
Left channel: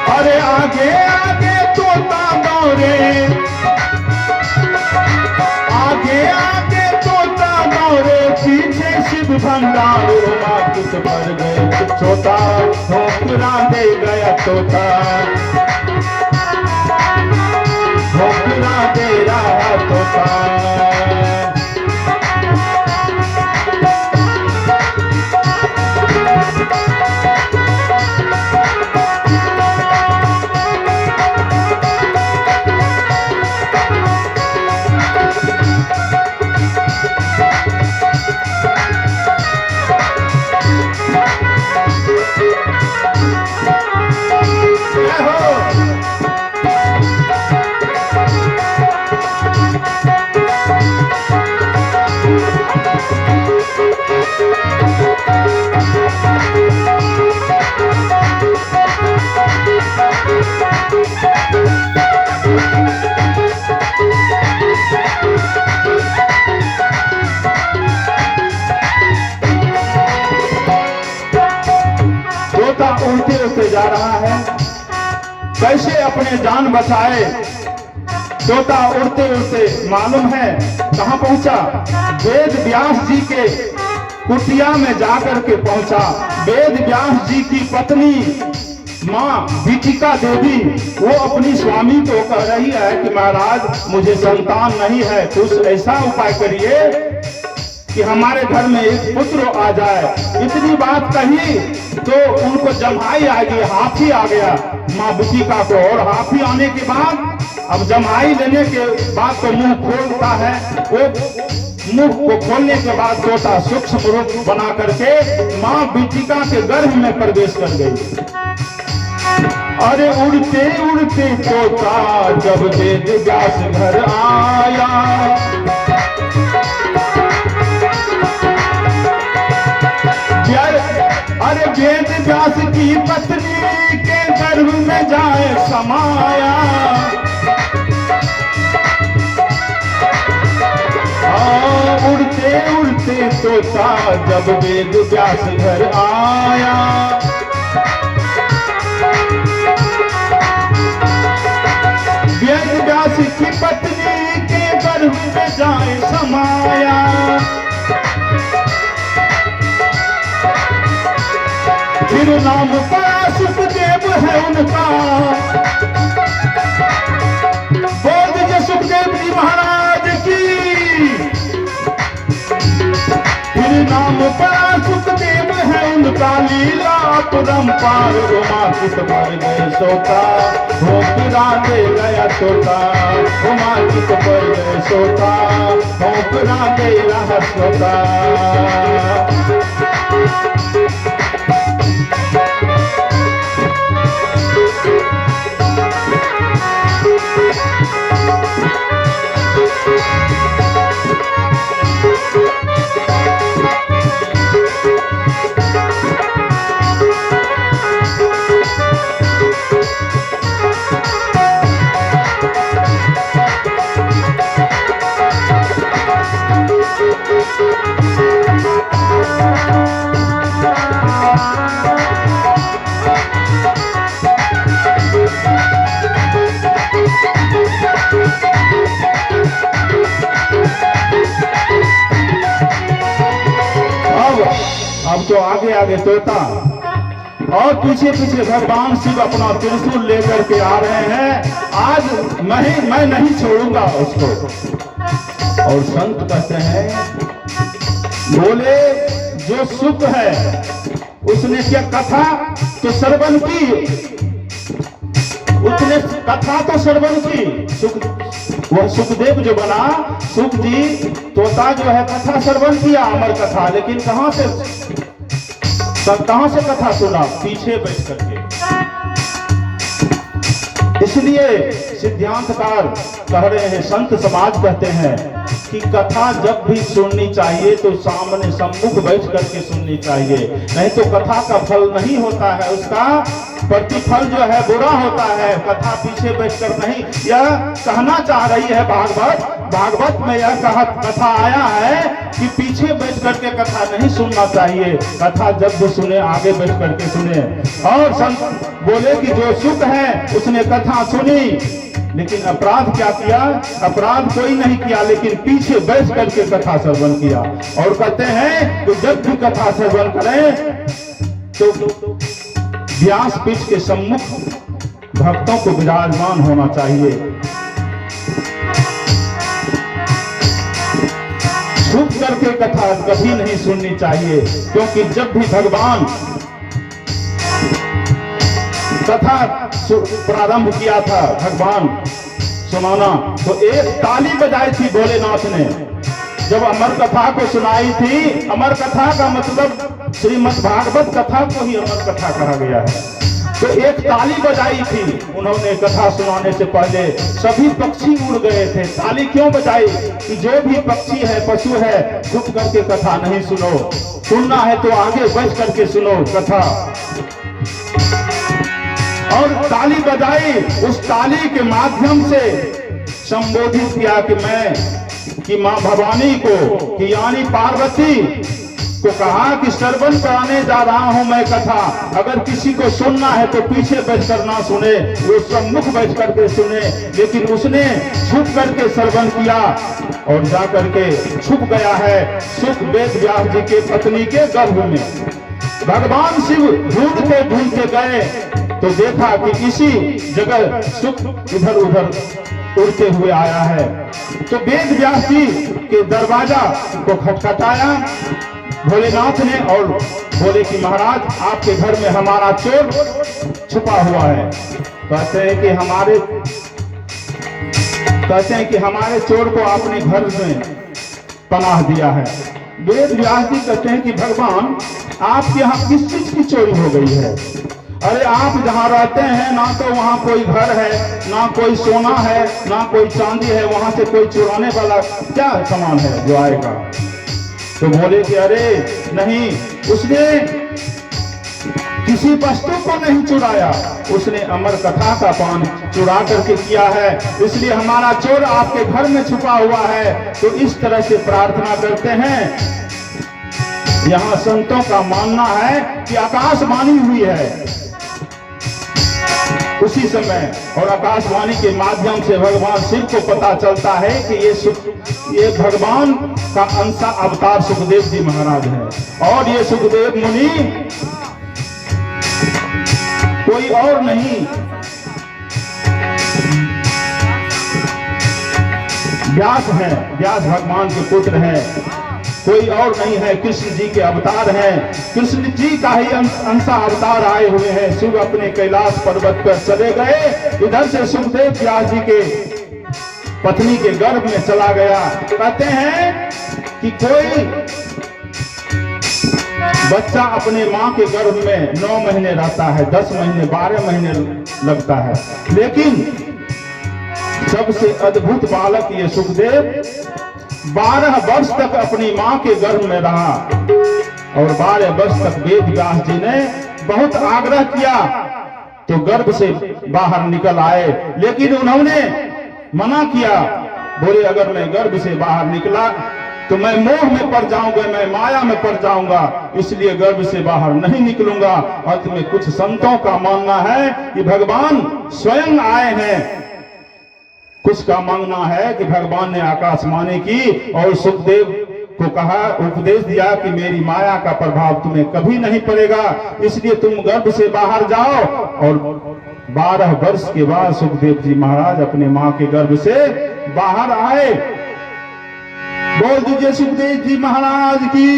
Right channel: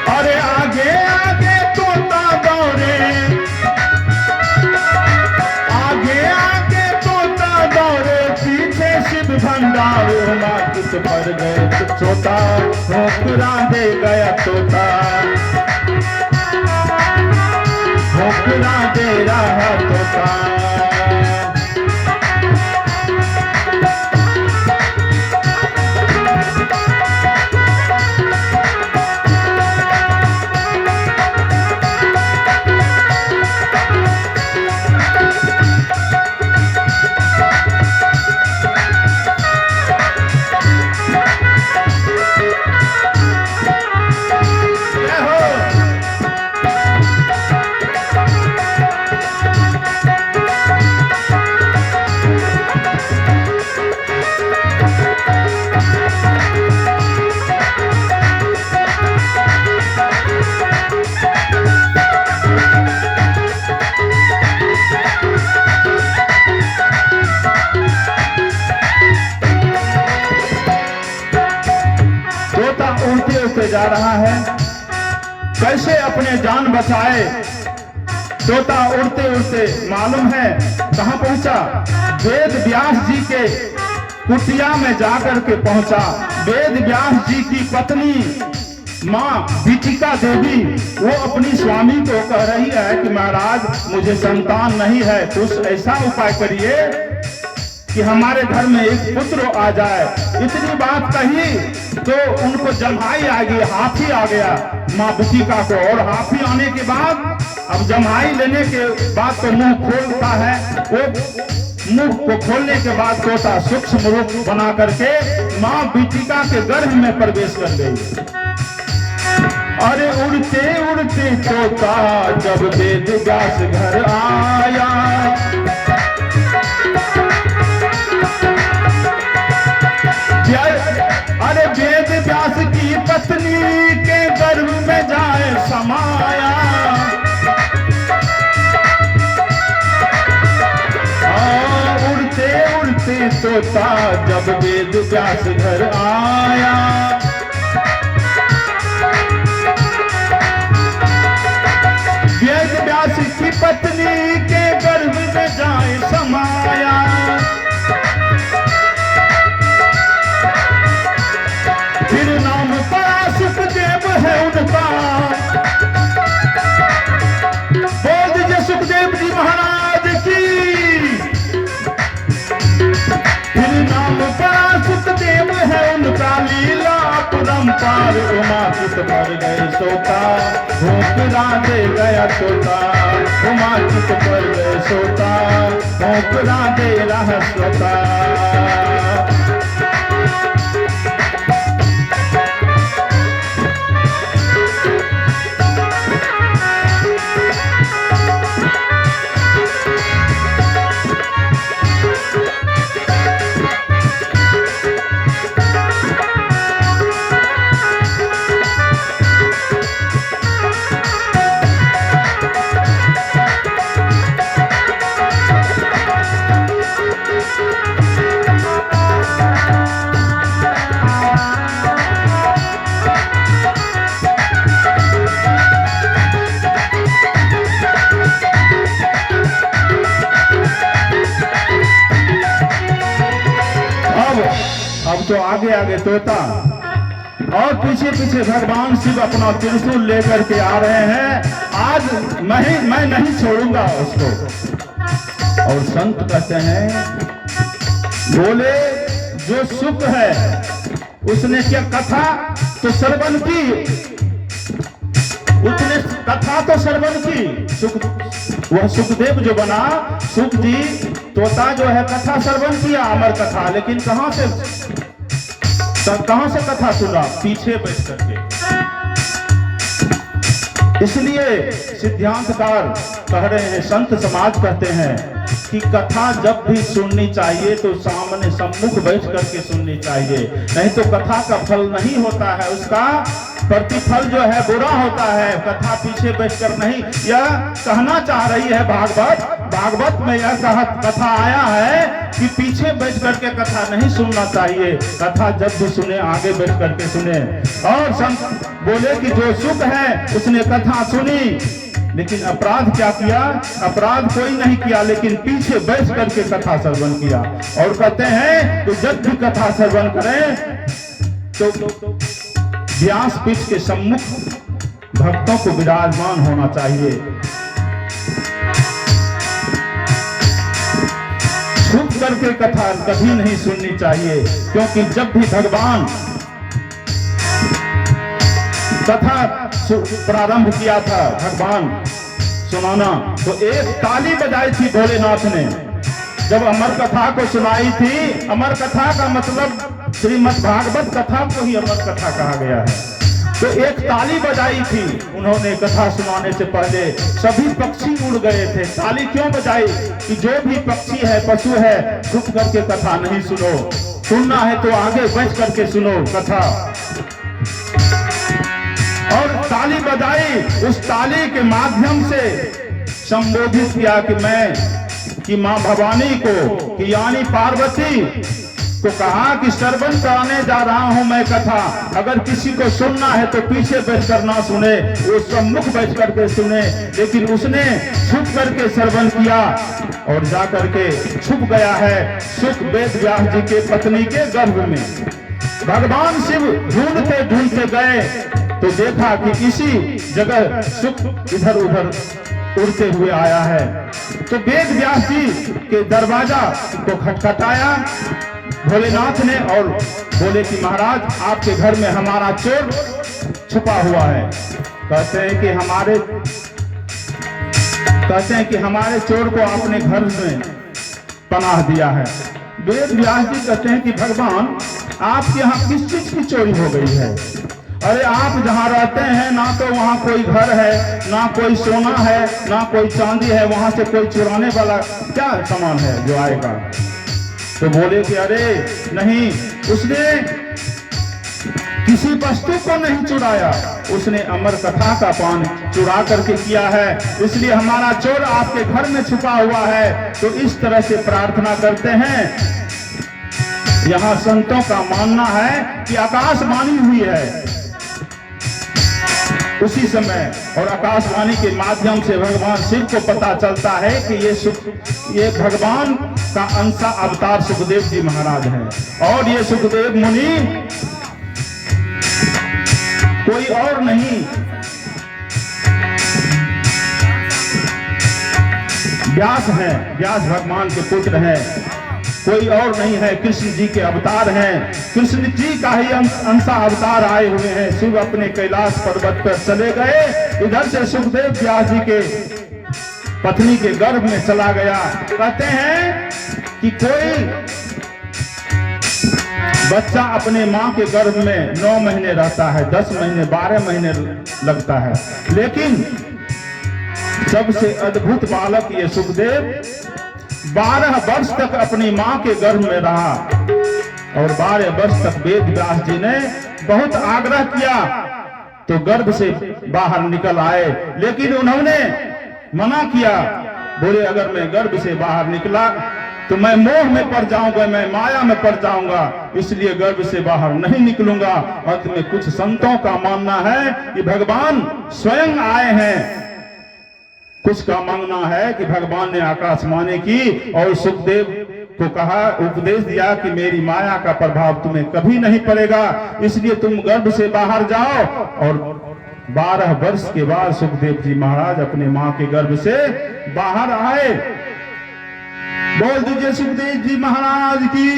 अरे आगे आगे तोता दौड़े, आगे आगे तोता दौड़े, पीछे शिव भंडार किस पर गए छोटा, ठोकरा दे गया तोता, ठोकरा दे रहा तोता। तोता उड़ते उड़ते जा रहा है, कैसे अपने जान बचाए। तोता उड़ते उड़ते मालूम है कहाँ पहुंचा? वेद व्यास जी के कुटिया में जाकर के पहुंचा। वेद व्यास जी की पत्नी माँ बीतिका देवी, वो अपनी स्वामी को कह रही है कि महाराज मुझे संतान नहीं है, कुछ ऐसा उपाय करिए कि हमारे घर में एक पुत्र आ जाए। इतनी बात कही तो उनको जम्हाई आ गई, हाथी आ गया माँ बीतिका को। और हाथी आने के बाद अब जम्हाई लेने के बाद तो मुंह खोलता है, वो मुंह को खोलने के बाद तोता सूक्ष्म रूप बना करके माँ बीतिका के गर्भ में प्रवेश कर गई। अरे उड़ते उड़ते तोता जब वेद व्यास घर आया, अरे वेद व्यास की पत्नी के गर्भ में जाए समाया। उड़ते उड़ते तोता जब वेद व्यास घर आया, वेद व्यास की पत्नी के गर्भ में जाए समाया। फिर नाम पड़ा सुखदेव है उनका, बोल दीजिए सुखदेव जी महाराज की। फिर नाम पड़ा सुखदेव है उनका, लीला परम्पार उमा किस पर गए सोता, ठोकरा दे गया तोता, उमा चित पर सोता ठोकरा दे रहा सोता। अब तो आगे आगे तोता और पीछे पीछे भगवान शिव अपना त्रिशूल लेकर के आ रहे हैं। आज मैं नहीं छोड़ूंगा उसको। और संत कहते हैं, बोले जो सुख है उसने क्या कथा तो श्रवण की, उसने कथा तो श्रवण की। वह सुखदेव जो बना, सुख जी तोता जो है कथा श्रवण किया, अमर कथा। लेकिन कहां से कथा सुना? पीछे बैठ करके। इसलिए सिद्धांतकार कह रहे हैं, संत समाज कहते हैं कि कथा जब भी सुननी चाहिए तो सामने सम्मुख बैठ करके सुननी चाहिए, नहीं तो कथा का फल नहीं होता है, उसका प्रतिफल जो है बुरा होता है। कथा पीछे बैठकर नहीं, यह कहना चाह रही है भागवत में यह कथा आया है कि पीछे बैठ करके कथा नहीं सुनना चाहिए, कथा जब भी सुने आगे बैठ करके सुने। और संत बोले कि जो सुख है उसने कथा सुनी, लेकिन अपराध क्या किया? अपराध कोई नहीं किया, लेकिन पीछे बैठ करके कथा श्रवण किया। और कहते हैं कि जब भी कथा श्रवण करें तो व्यासपीठ के सम्मुख भक्तों को विराजमान होना चाहिए। छुप करके कथा कभी नहीं सुननी चाहिए, क्योंकि जब भी भगवान कथा प्रारंभ किया था भगवान सुनाना, तो एक ताली बजाई थी भोलेनाथ ने। जब अमर कथा को सुनाई थी, अमर कथा का मतलब श्रीमद् भागवत कथा को ही अमर कथा कहा गया है, तो एक ताली बजाई थी उन्होंने कथा सुनाने से पहले। सभी पक्षी उड़ गए थे। ताली क्यों बजाई? कि जो भी पक्षी है, पशु है, छुप करके कथा नहीं सुनो, सुनना है तो आगे बैठ करके सुनो कथा। और ताली बजाई, उस ताली के माध्यम से संबोधित किया कि मां भवानी को, कि यानी पार्वती को कहा कि श्रवण कराने जा रहा हूं मैं कथा, अगर किसी को सुनना है तो पीछे बैठ कर ना सुने, वो सम्मुख बैठ करके सुने। लेकिन उसने छुप करके श्रवण किया और जा करके छुप गया है सुख वेद व्यास जी के पत्नी के गर्भ में। भगवान शिव ढूंढते ढूंढते गए तो देखा कि इसी जगह सुख इधर उधर उड़ते हुए आया है। तो वेद व्यास जी के दरवाजा को खटखटाया भोलेनाथ ने और बोले कि महाराज आपके घर में हमारा चोर छुपा हुआ है। कहते हैं कि हमारे चोर को आपने घर में पनाह दिया है। वेद व्यास जी कहते हैं कि भगवान आपके यहाँ किस चीज की चोरी हो गई है? अरे आप जहाँ रहते हैं ना तो वहाँ कोई घर है, ना कोई सोना है, ना कोई चांदी है, वहां से कोई चुराने वाला क्या सामान है जो आएगा? तो बोले कि अरे नहीं, उसने किसी वस्तु को नहीं चुराया, उसने अमर कथा का पान चुरा करके किया है, इसलिए हमारा चोर आपके घर में छुपा हुआ है। तो इस तरह से प्रार्थना करते हैं। यहाँ संतों का मानना है कि आकाशवाणी हुई है उसी समय, और आकाशवाणी के माध्यम से भगवान शिव को पता चलता है कि ये भगवान का अंशा अवतार सुखदेव जी महाराज है। और ये सुखदेव मुनि कोई और नहीं, व्यास है, व्यास भगवान के पुत्र हैं, कोई और नहीं है, कृष्ण जी के अवतार हैं। कृष्ण जी का ही अंशा अवतार आए हुए हैं। शिव अपने कैलाश पर्वत पर चले गए, इधर से सुखदेव व्यास जी के पत्नी के गर्भ में चला गया। कहते हैं कि कोई बच्चा अपने मां के गर्भ में 9 महीने रहता है, 10 महीने, 12 महीने लगता है, लेकिन सबसे अद्भुत बालक ये सुखदेव 12 वर्ष तक अपनी मां के गर्भ में रहा और 12 वर्ष तक वेद व्यास जी ने बहुत आग्रह किया तो गर्भ से बाहर निकल आए, लेकिन उन्होंने मना किया। बोले अगर मैं गर्भ से बाहर निकला तो मैं मोह में पड़ जाऊंगा, मैं माया में पड़ जाऊंगा, इसलिए गर्भ से बाहर नहीं निकलूंगा। अंत में कुछ संतों का मानना है कि भगवान स्वयं आए हैं, कुछ का मानना है कि भगवान ने आकाशवाणी की और सुखदेव को कहा, उपदेश दिया कि मेरी माया का प्रभाव तुम्हें कभी नहीं पड़ेगा, इसलिए तुम गर्भ से बाहर जाओ। और 12 वर्ष के बाद सुखदेव जी महाराज अपने मां के गर्भ से बाहर आए। बोल दीजिए सुखदेव जी महाराज की।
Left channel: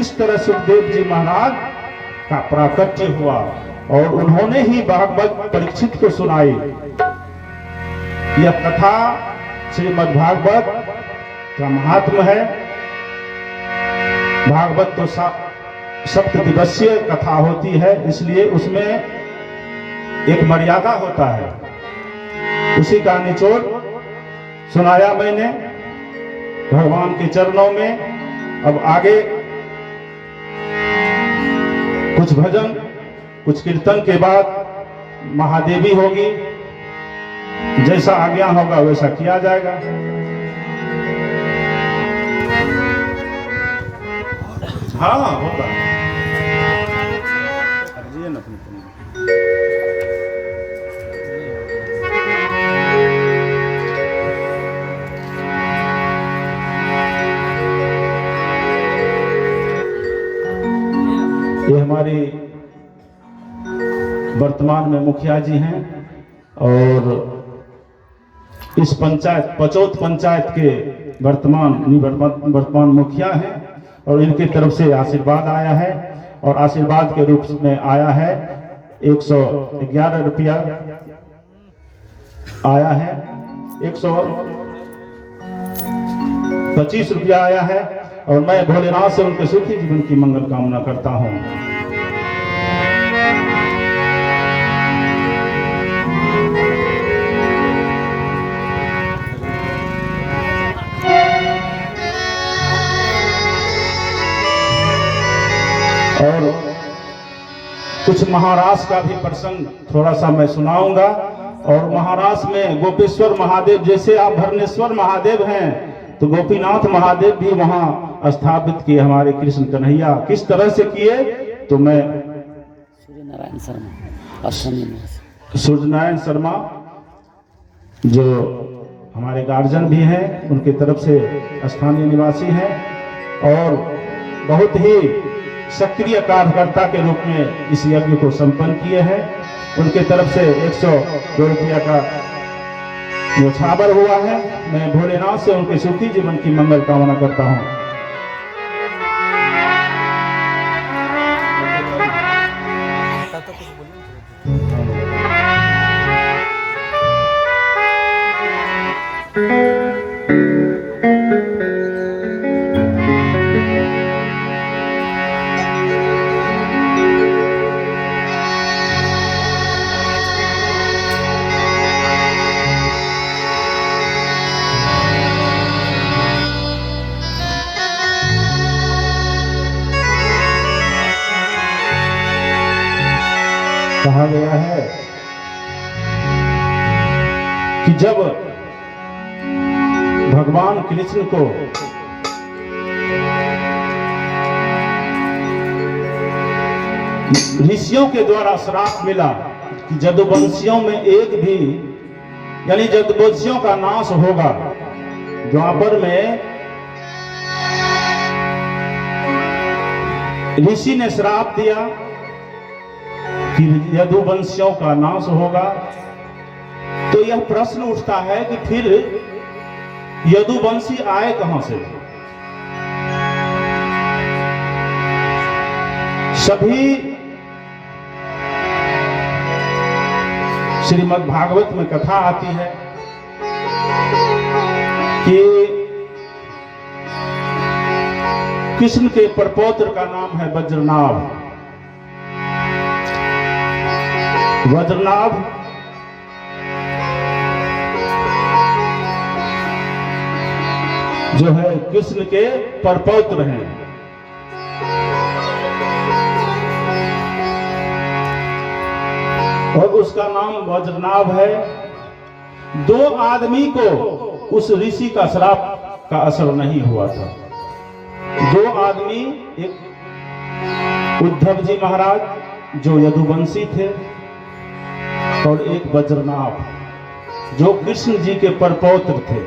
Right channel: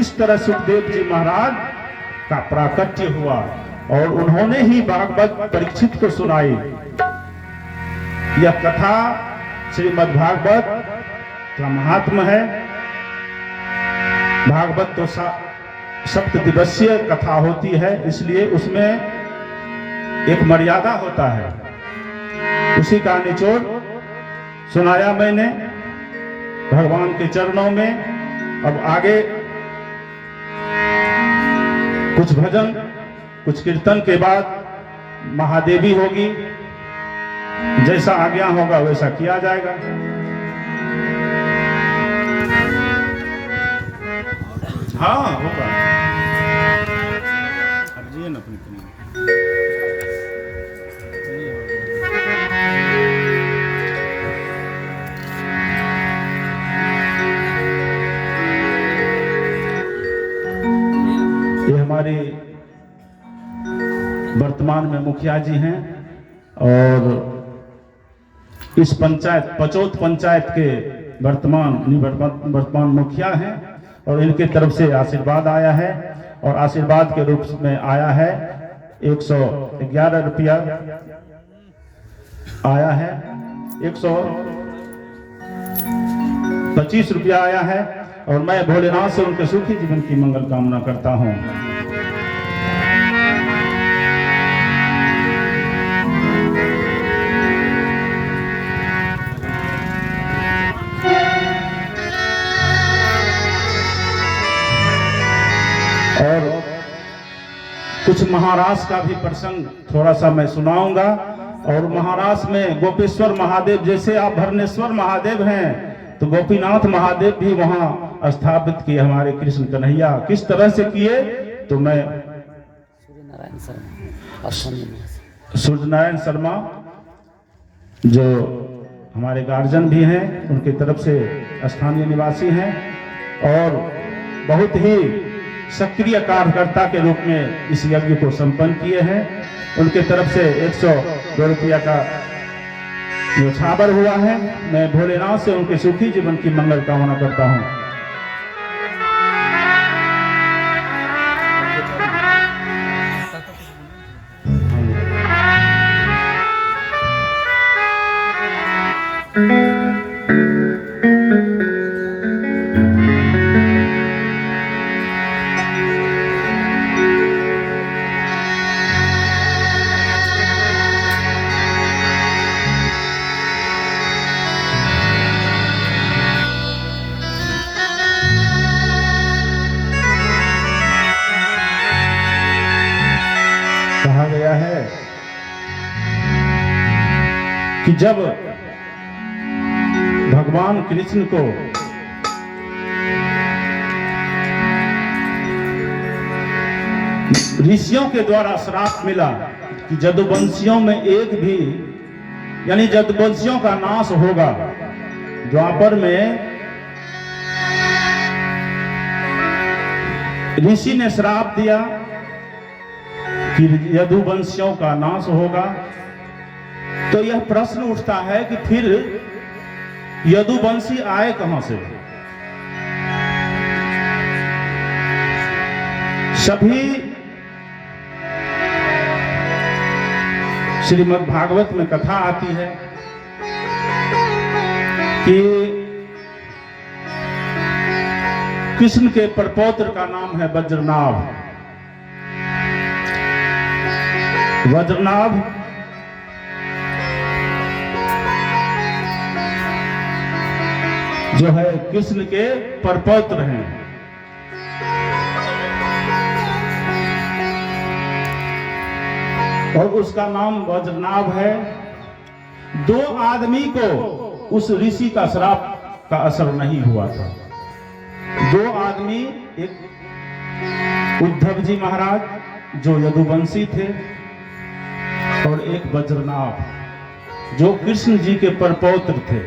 इस तरह सुखदेव जी महाराज का प्राकट्य हुआ और उन्होंने ही भागवत परीक्षित को सुनाई। यह कथा श्रीमद् भागवत का महात्म है। भागवत तो 7 दिवसीय कथा होती है, इसलिए उसमें एक मर्यादा होता है, उसी का निचोड़ सुनाया मैंने भगवान के चरणों में। अब आगे कुछ भजन, कुछ कीर्तन के बाद महादेवी होगी, जैसा आज्ञा होगा वैसा किया जाएगा। हाँ होगा ये हमारे वर्तमान में मुखिया जी हैं और इस पंचायत पचौत पंचायत के वर्तमान मुखिया हैं और इनके तरफ से आशीर्वाद आया है और आशीर्वाद के रूप में आया है 111 रुपया आया है, 125 रुपया आया है और मैं भोलेनाथ से उनके सुखी जीवन की मंगल कामना करता हूं। और कुछ महाराष्ट्र का भी प्रसंग थोड़ा सा मैं सुनाऊंगा। और महाराष्ट्र में गोपेश्वर महादेव, जैसे आप भरनेश्वर महादेव हैं तो गोपीनाथ महादेव भी वहां स्थापित किए हमारे कृष्ण कन्हैया। किस तरह से किए तो मैं सूर्यनारायण शर्मा जो हमारे गार्जियन भी हैं, उनके तरफ से स्थानीय निवासी हैं और बहुत ही सक्रिय कार्यकर्ता के रूप में इस यज्ञ को संपन्न किए हैं। उनके तरफ से 102 रुपया का न्यौछावर हुआ है। मैं भोलेनाथ से उनके सुखी जीवन की मंगल कामना करता हूँ। कहा गया है कि जब भगवान कृष्ण को ऋषियों के द्वारा श्राप मिला कि जदुवंशियों में एक भी, यानी जदुवंशियों का नाश होगा। द्वापर में ऋषि ने श्राप दिया कि यदुवंशियों का नाश होगा। तो यह प्रश्न उठता है कि फिर यदुवंशी आए कहां से? सभी श्रीमद् भागवत में कथा आती है कि कृष्ण के प्रपौत्र का नाम है वज्रनाभ। वज्रनाभ जो है कृष्ण के प्रपौत्र हैं। और उसका नाम वज्रनाभ है। दो आदमी को उस ऋषि का श्राप का असर नहीं हुआ था। दो आदमी, एक उद्धव जी महाराज जो यदुवंशी थे और एक वज्रनाभ जो कृष्ण जी के परपौत्र थे,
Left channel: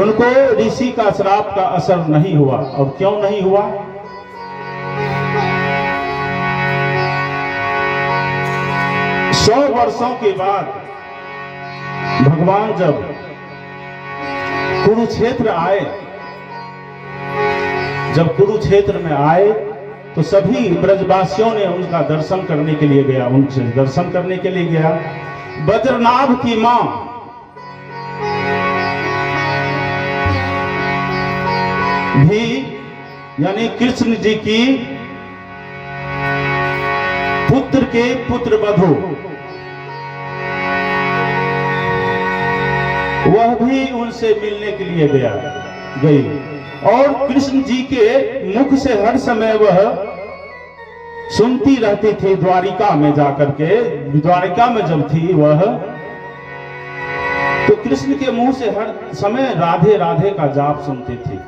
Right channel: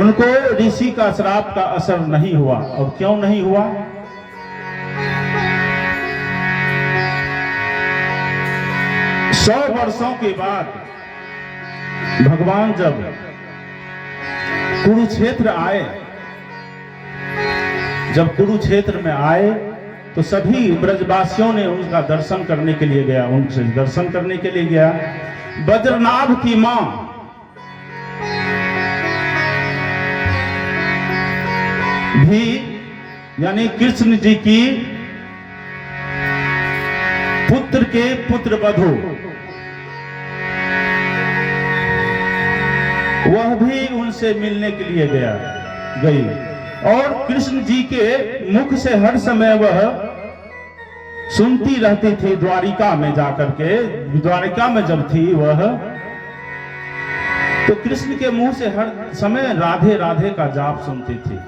उनको ऋषि का श्राप का असर नहीं हुआ। अब क्यों नहीं हुआ? सौ वर्षों के बाद भगवान जब कुरुक्षेत्र आए, जब कुरुक्षेत्र में आए तो सभी ब्रजवासियों ने उनका दर्शन करने के लिए गया, उनसे दर्शन करने के लिए गया। वज्रनाभ की मां भी यानी कृष्ण जी की पुत्र के पुत्र वधू, वह भी उनसे मिलने के लिए गई और कृष्ण जी के मुख से हर समय वह सुनती रहती थी। द्वारिका में जाकर के, द्वारिका में जब थी वह, तो कृष्ण के मुंह से हर समय राधे राधे का जाप सुनती थी।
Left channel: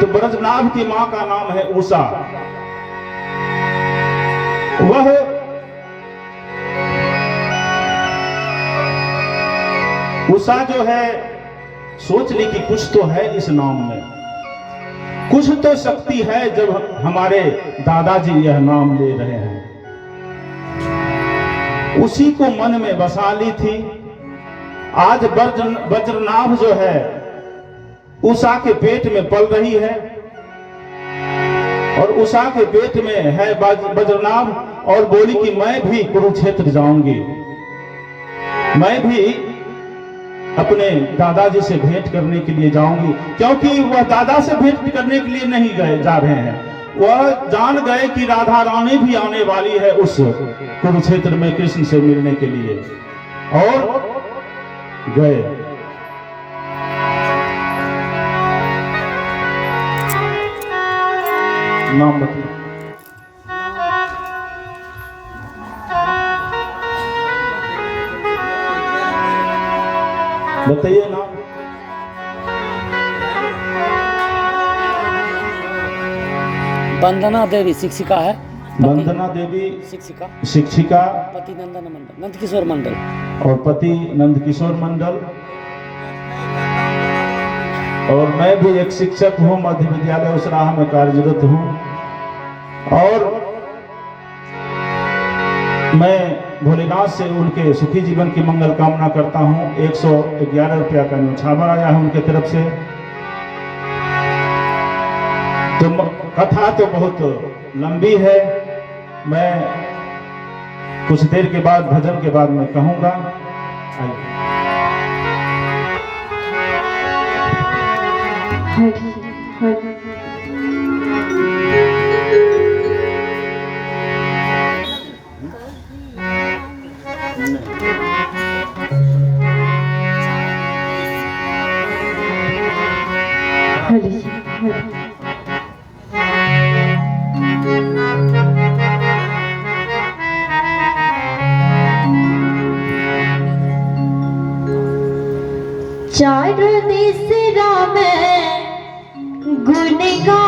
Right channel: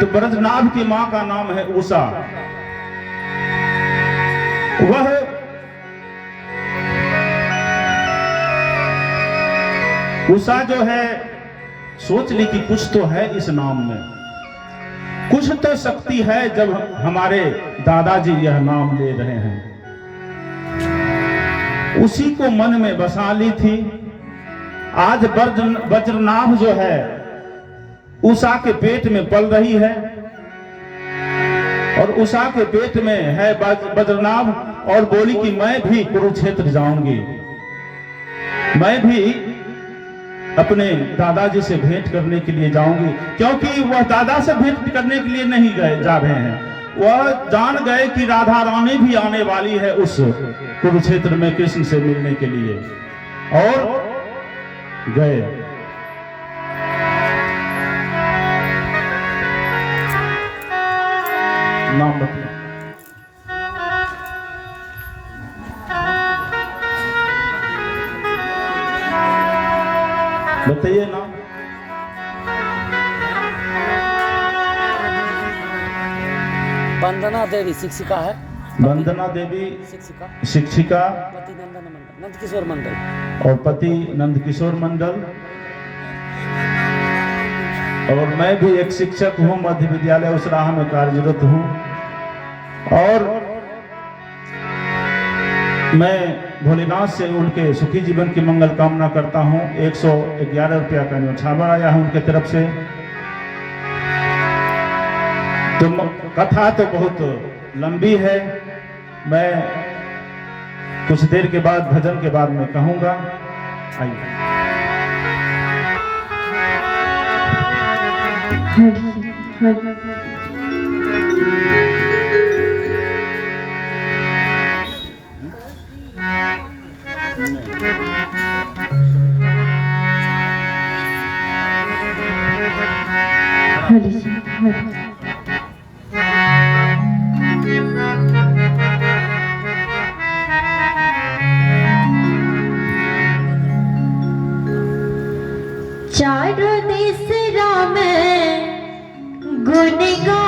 तो ब्रजनाभ की मां का नाम है उषा। वह उषा जो है सोच ली कि कुछ तो है इस नाम में, कुछ तो शक्ति है जब हमारे दादाजी यह नाम ले रहे हैं। उसी को मन में बसा ली थी। आज वज्रनाभ जो है उषा के पेट में पल रही है और उषा के पेट में है वज्रनाभ, और बोली कि मैं भी कुरुक्षेत्र जाऊंगी, मैं भी अपने दादाजी से भेंट करने के लिए जाऊंगी। क्योंकि वह दादा से भेंट करने के लिए नहीं जा रहे हैं, वह जान गए कि राधा रानी भी आने वाली है उस कुरुक्षेत्र में कृष्ण से मिलने के लिए, और गए। नाम बताइए ना। वंदना देवी शिक्षिका है। वंदना देवी शिक्षिका, पति नंदन मंडल, नंदकिशोर मंडल, और पति नंदकिशोर मंडल। और मैं भी एक शिक्षक हूँ, मध्य विद्यालय उसराहा में कार्यरत हूँ। और मैं भोलेनाथ से उनके सुखी जीवन की मंगल कामना करता हूँ। 111 रुपया का न्यौछावर आया है उनके तरफ से। तो कथा तो बहुत लंबी है, मैं कुछ देर के बाद भजन के बाद मैं कहूँगा। आइए। चारों दिस राम गुण गा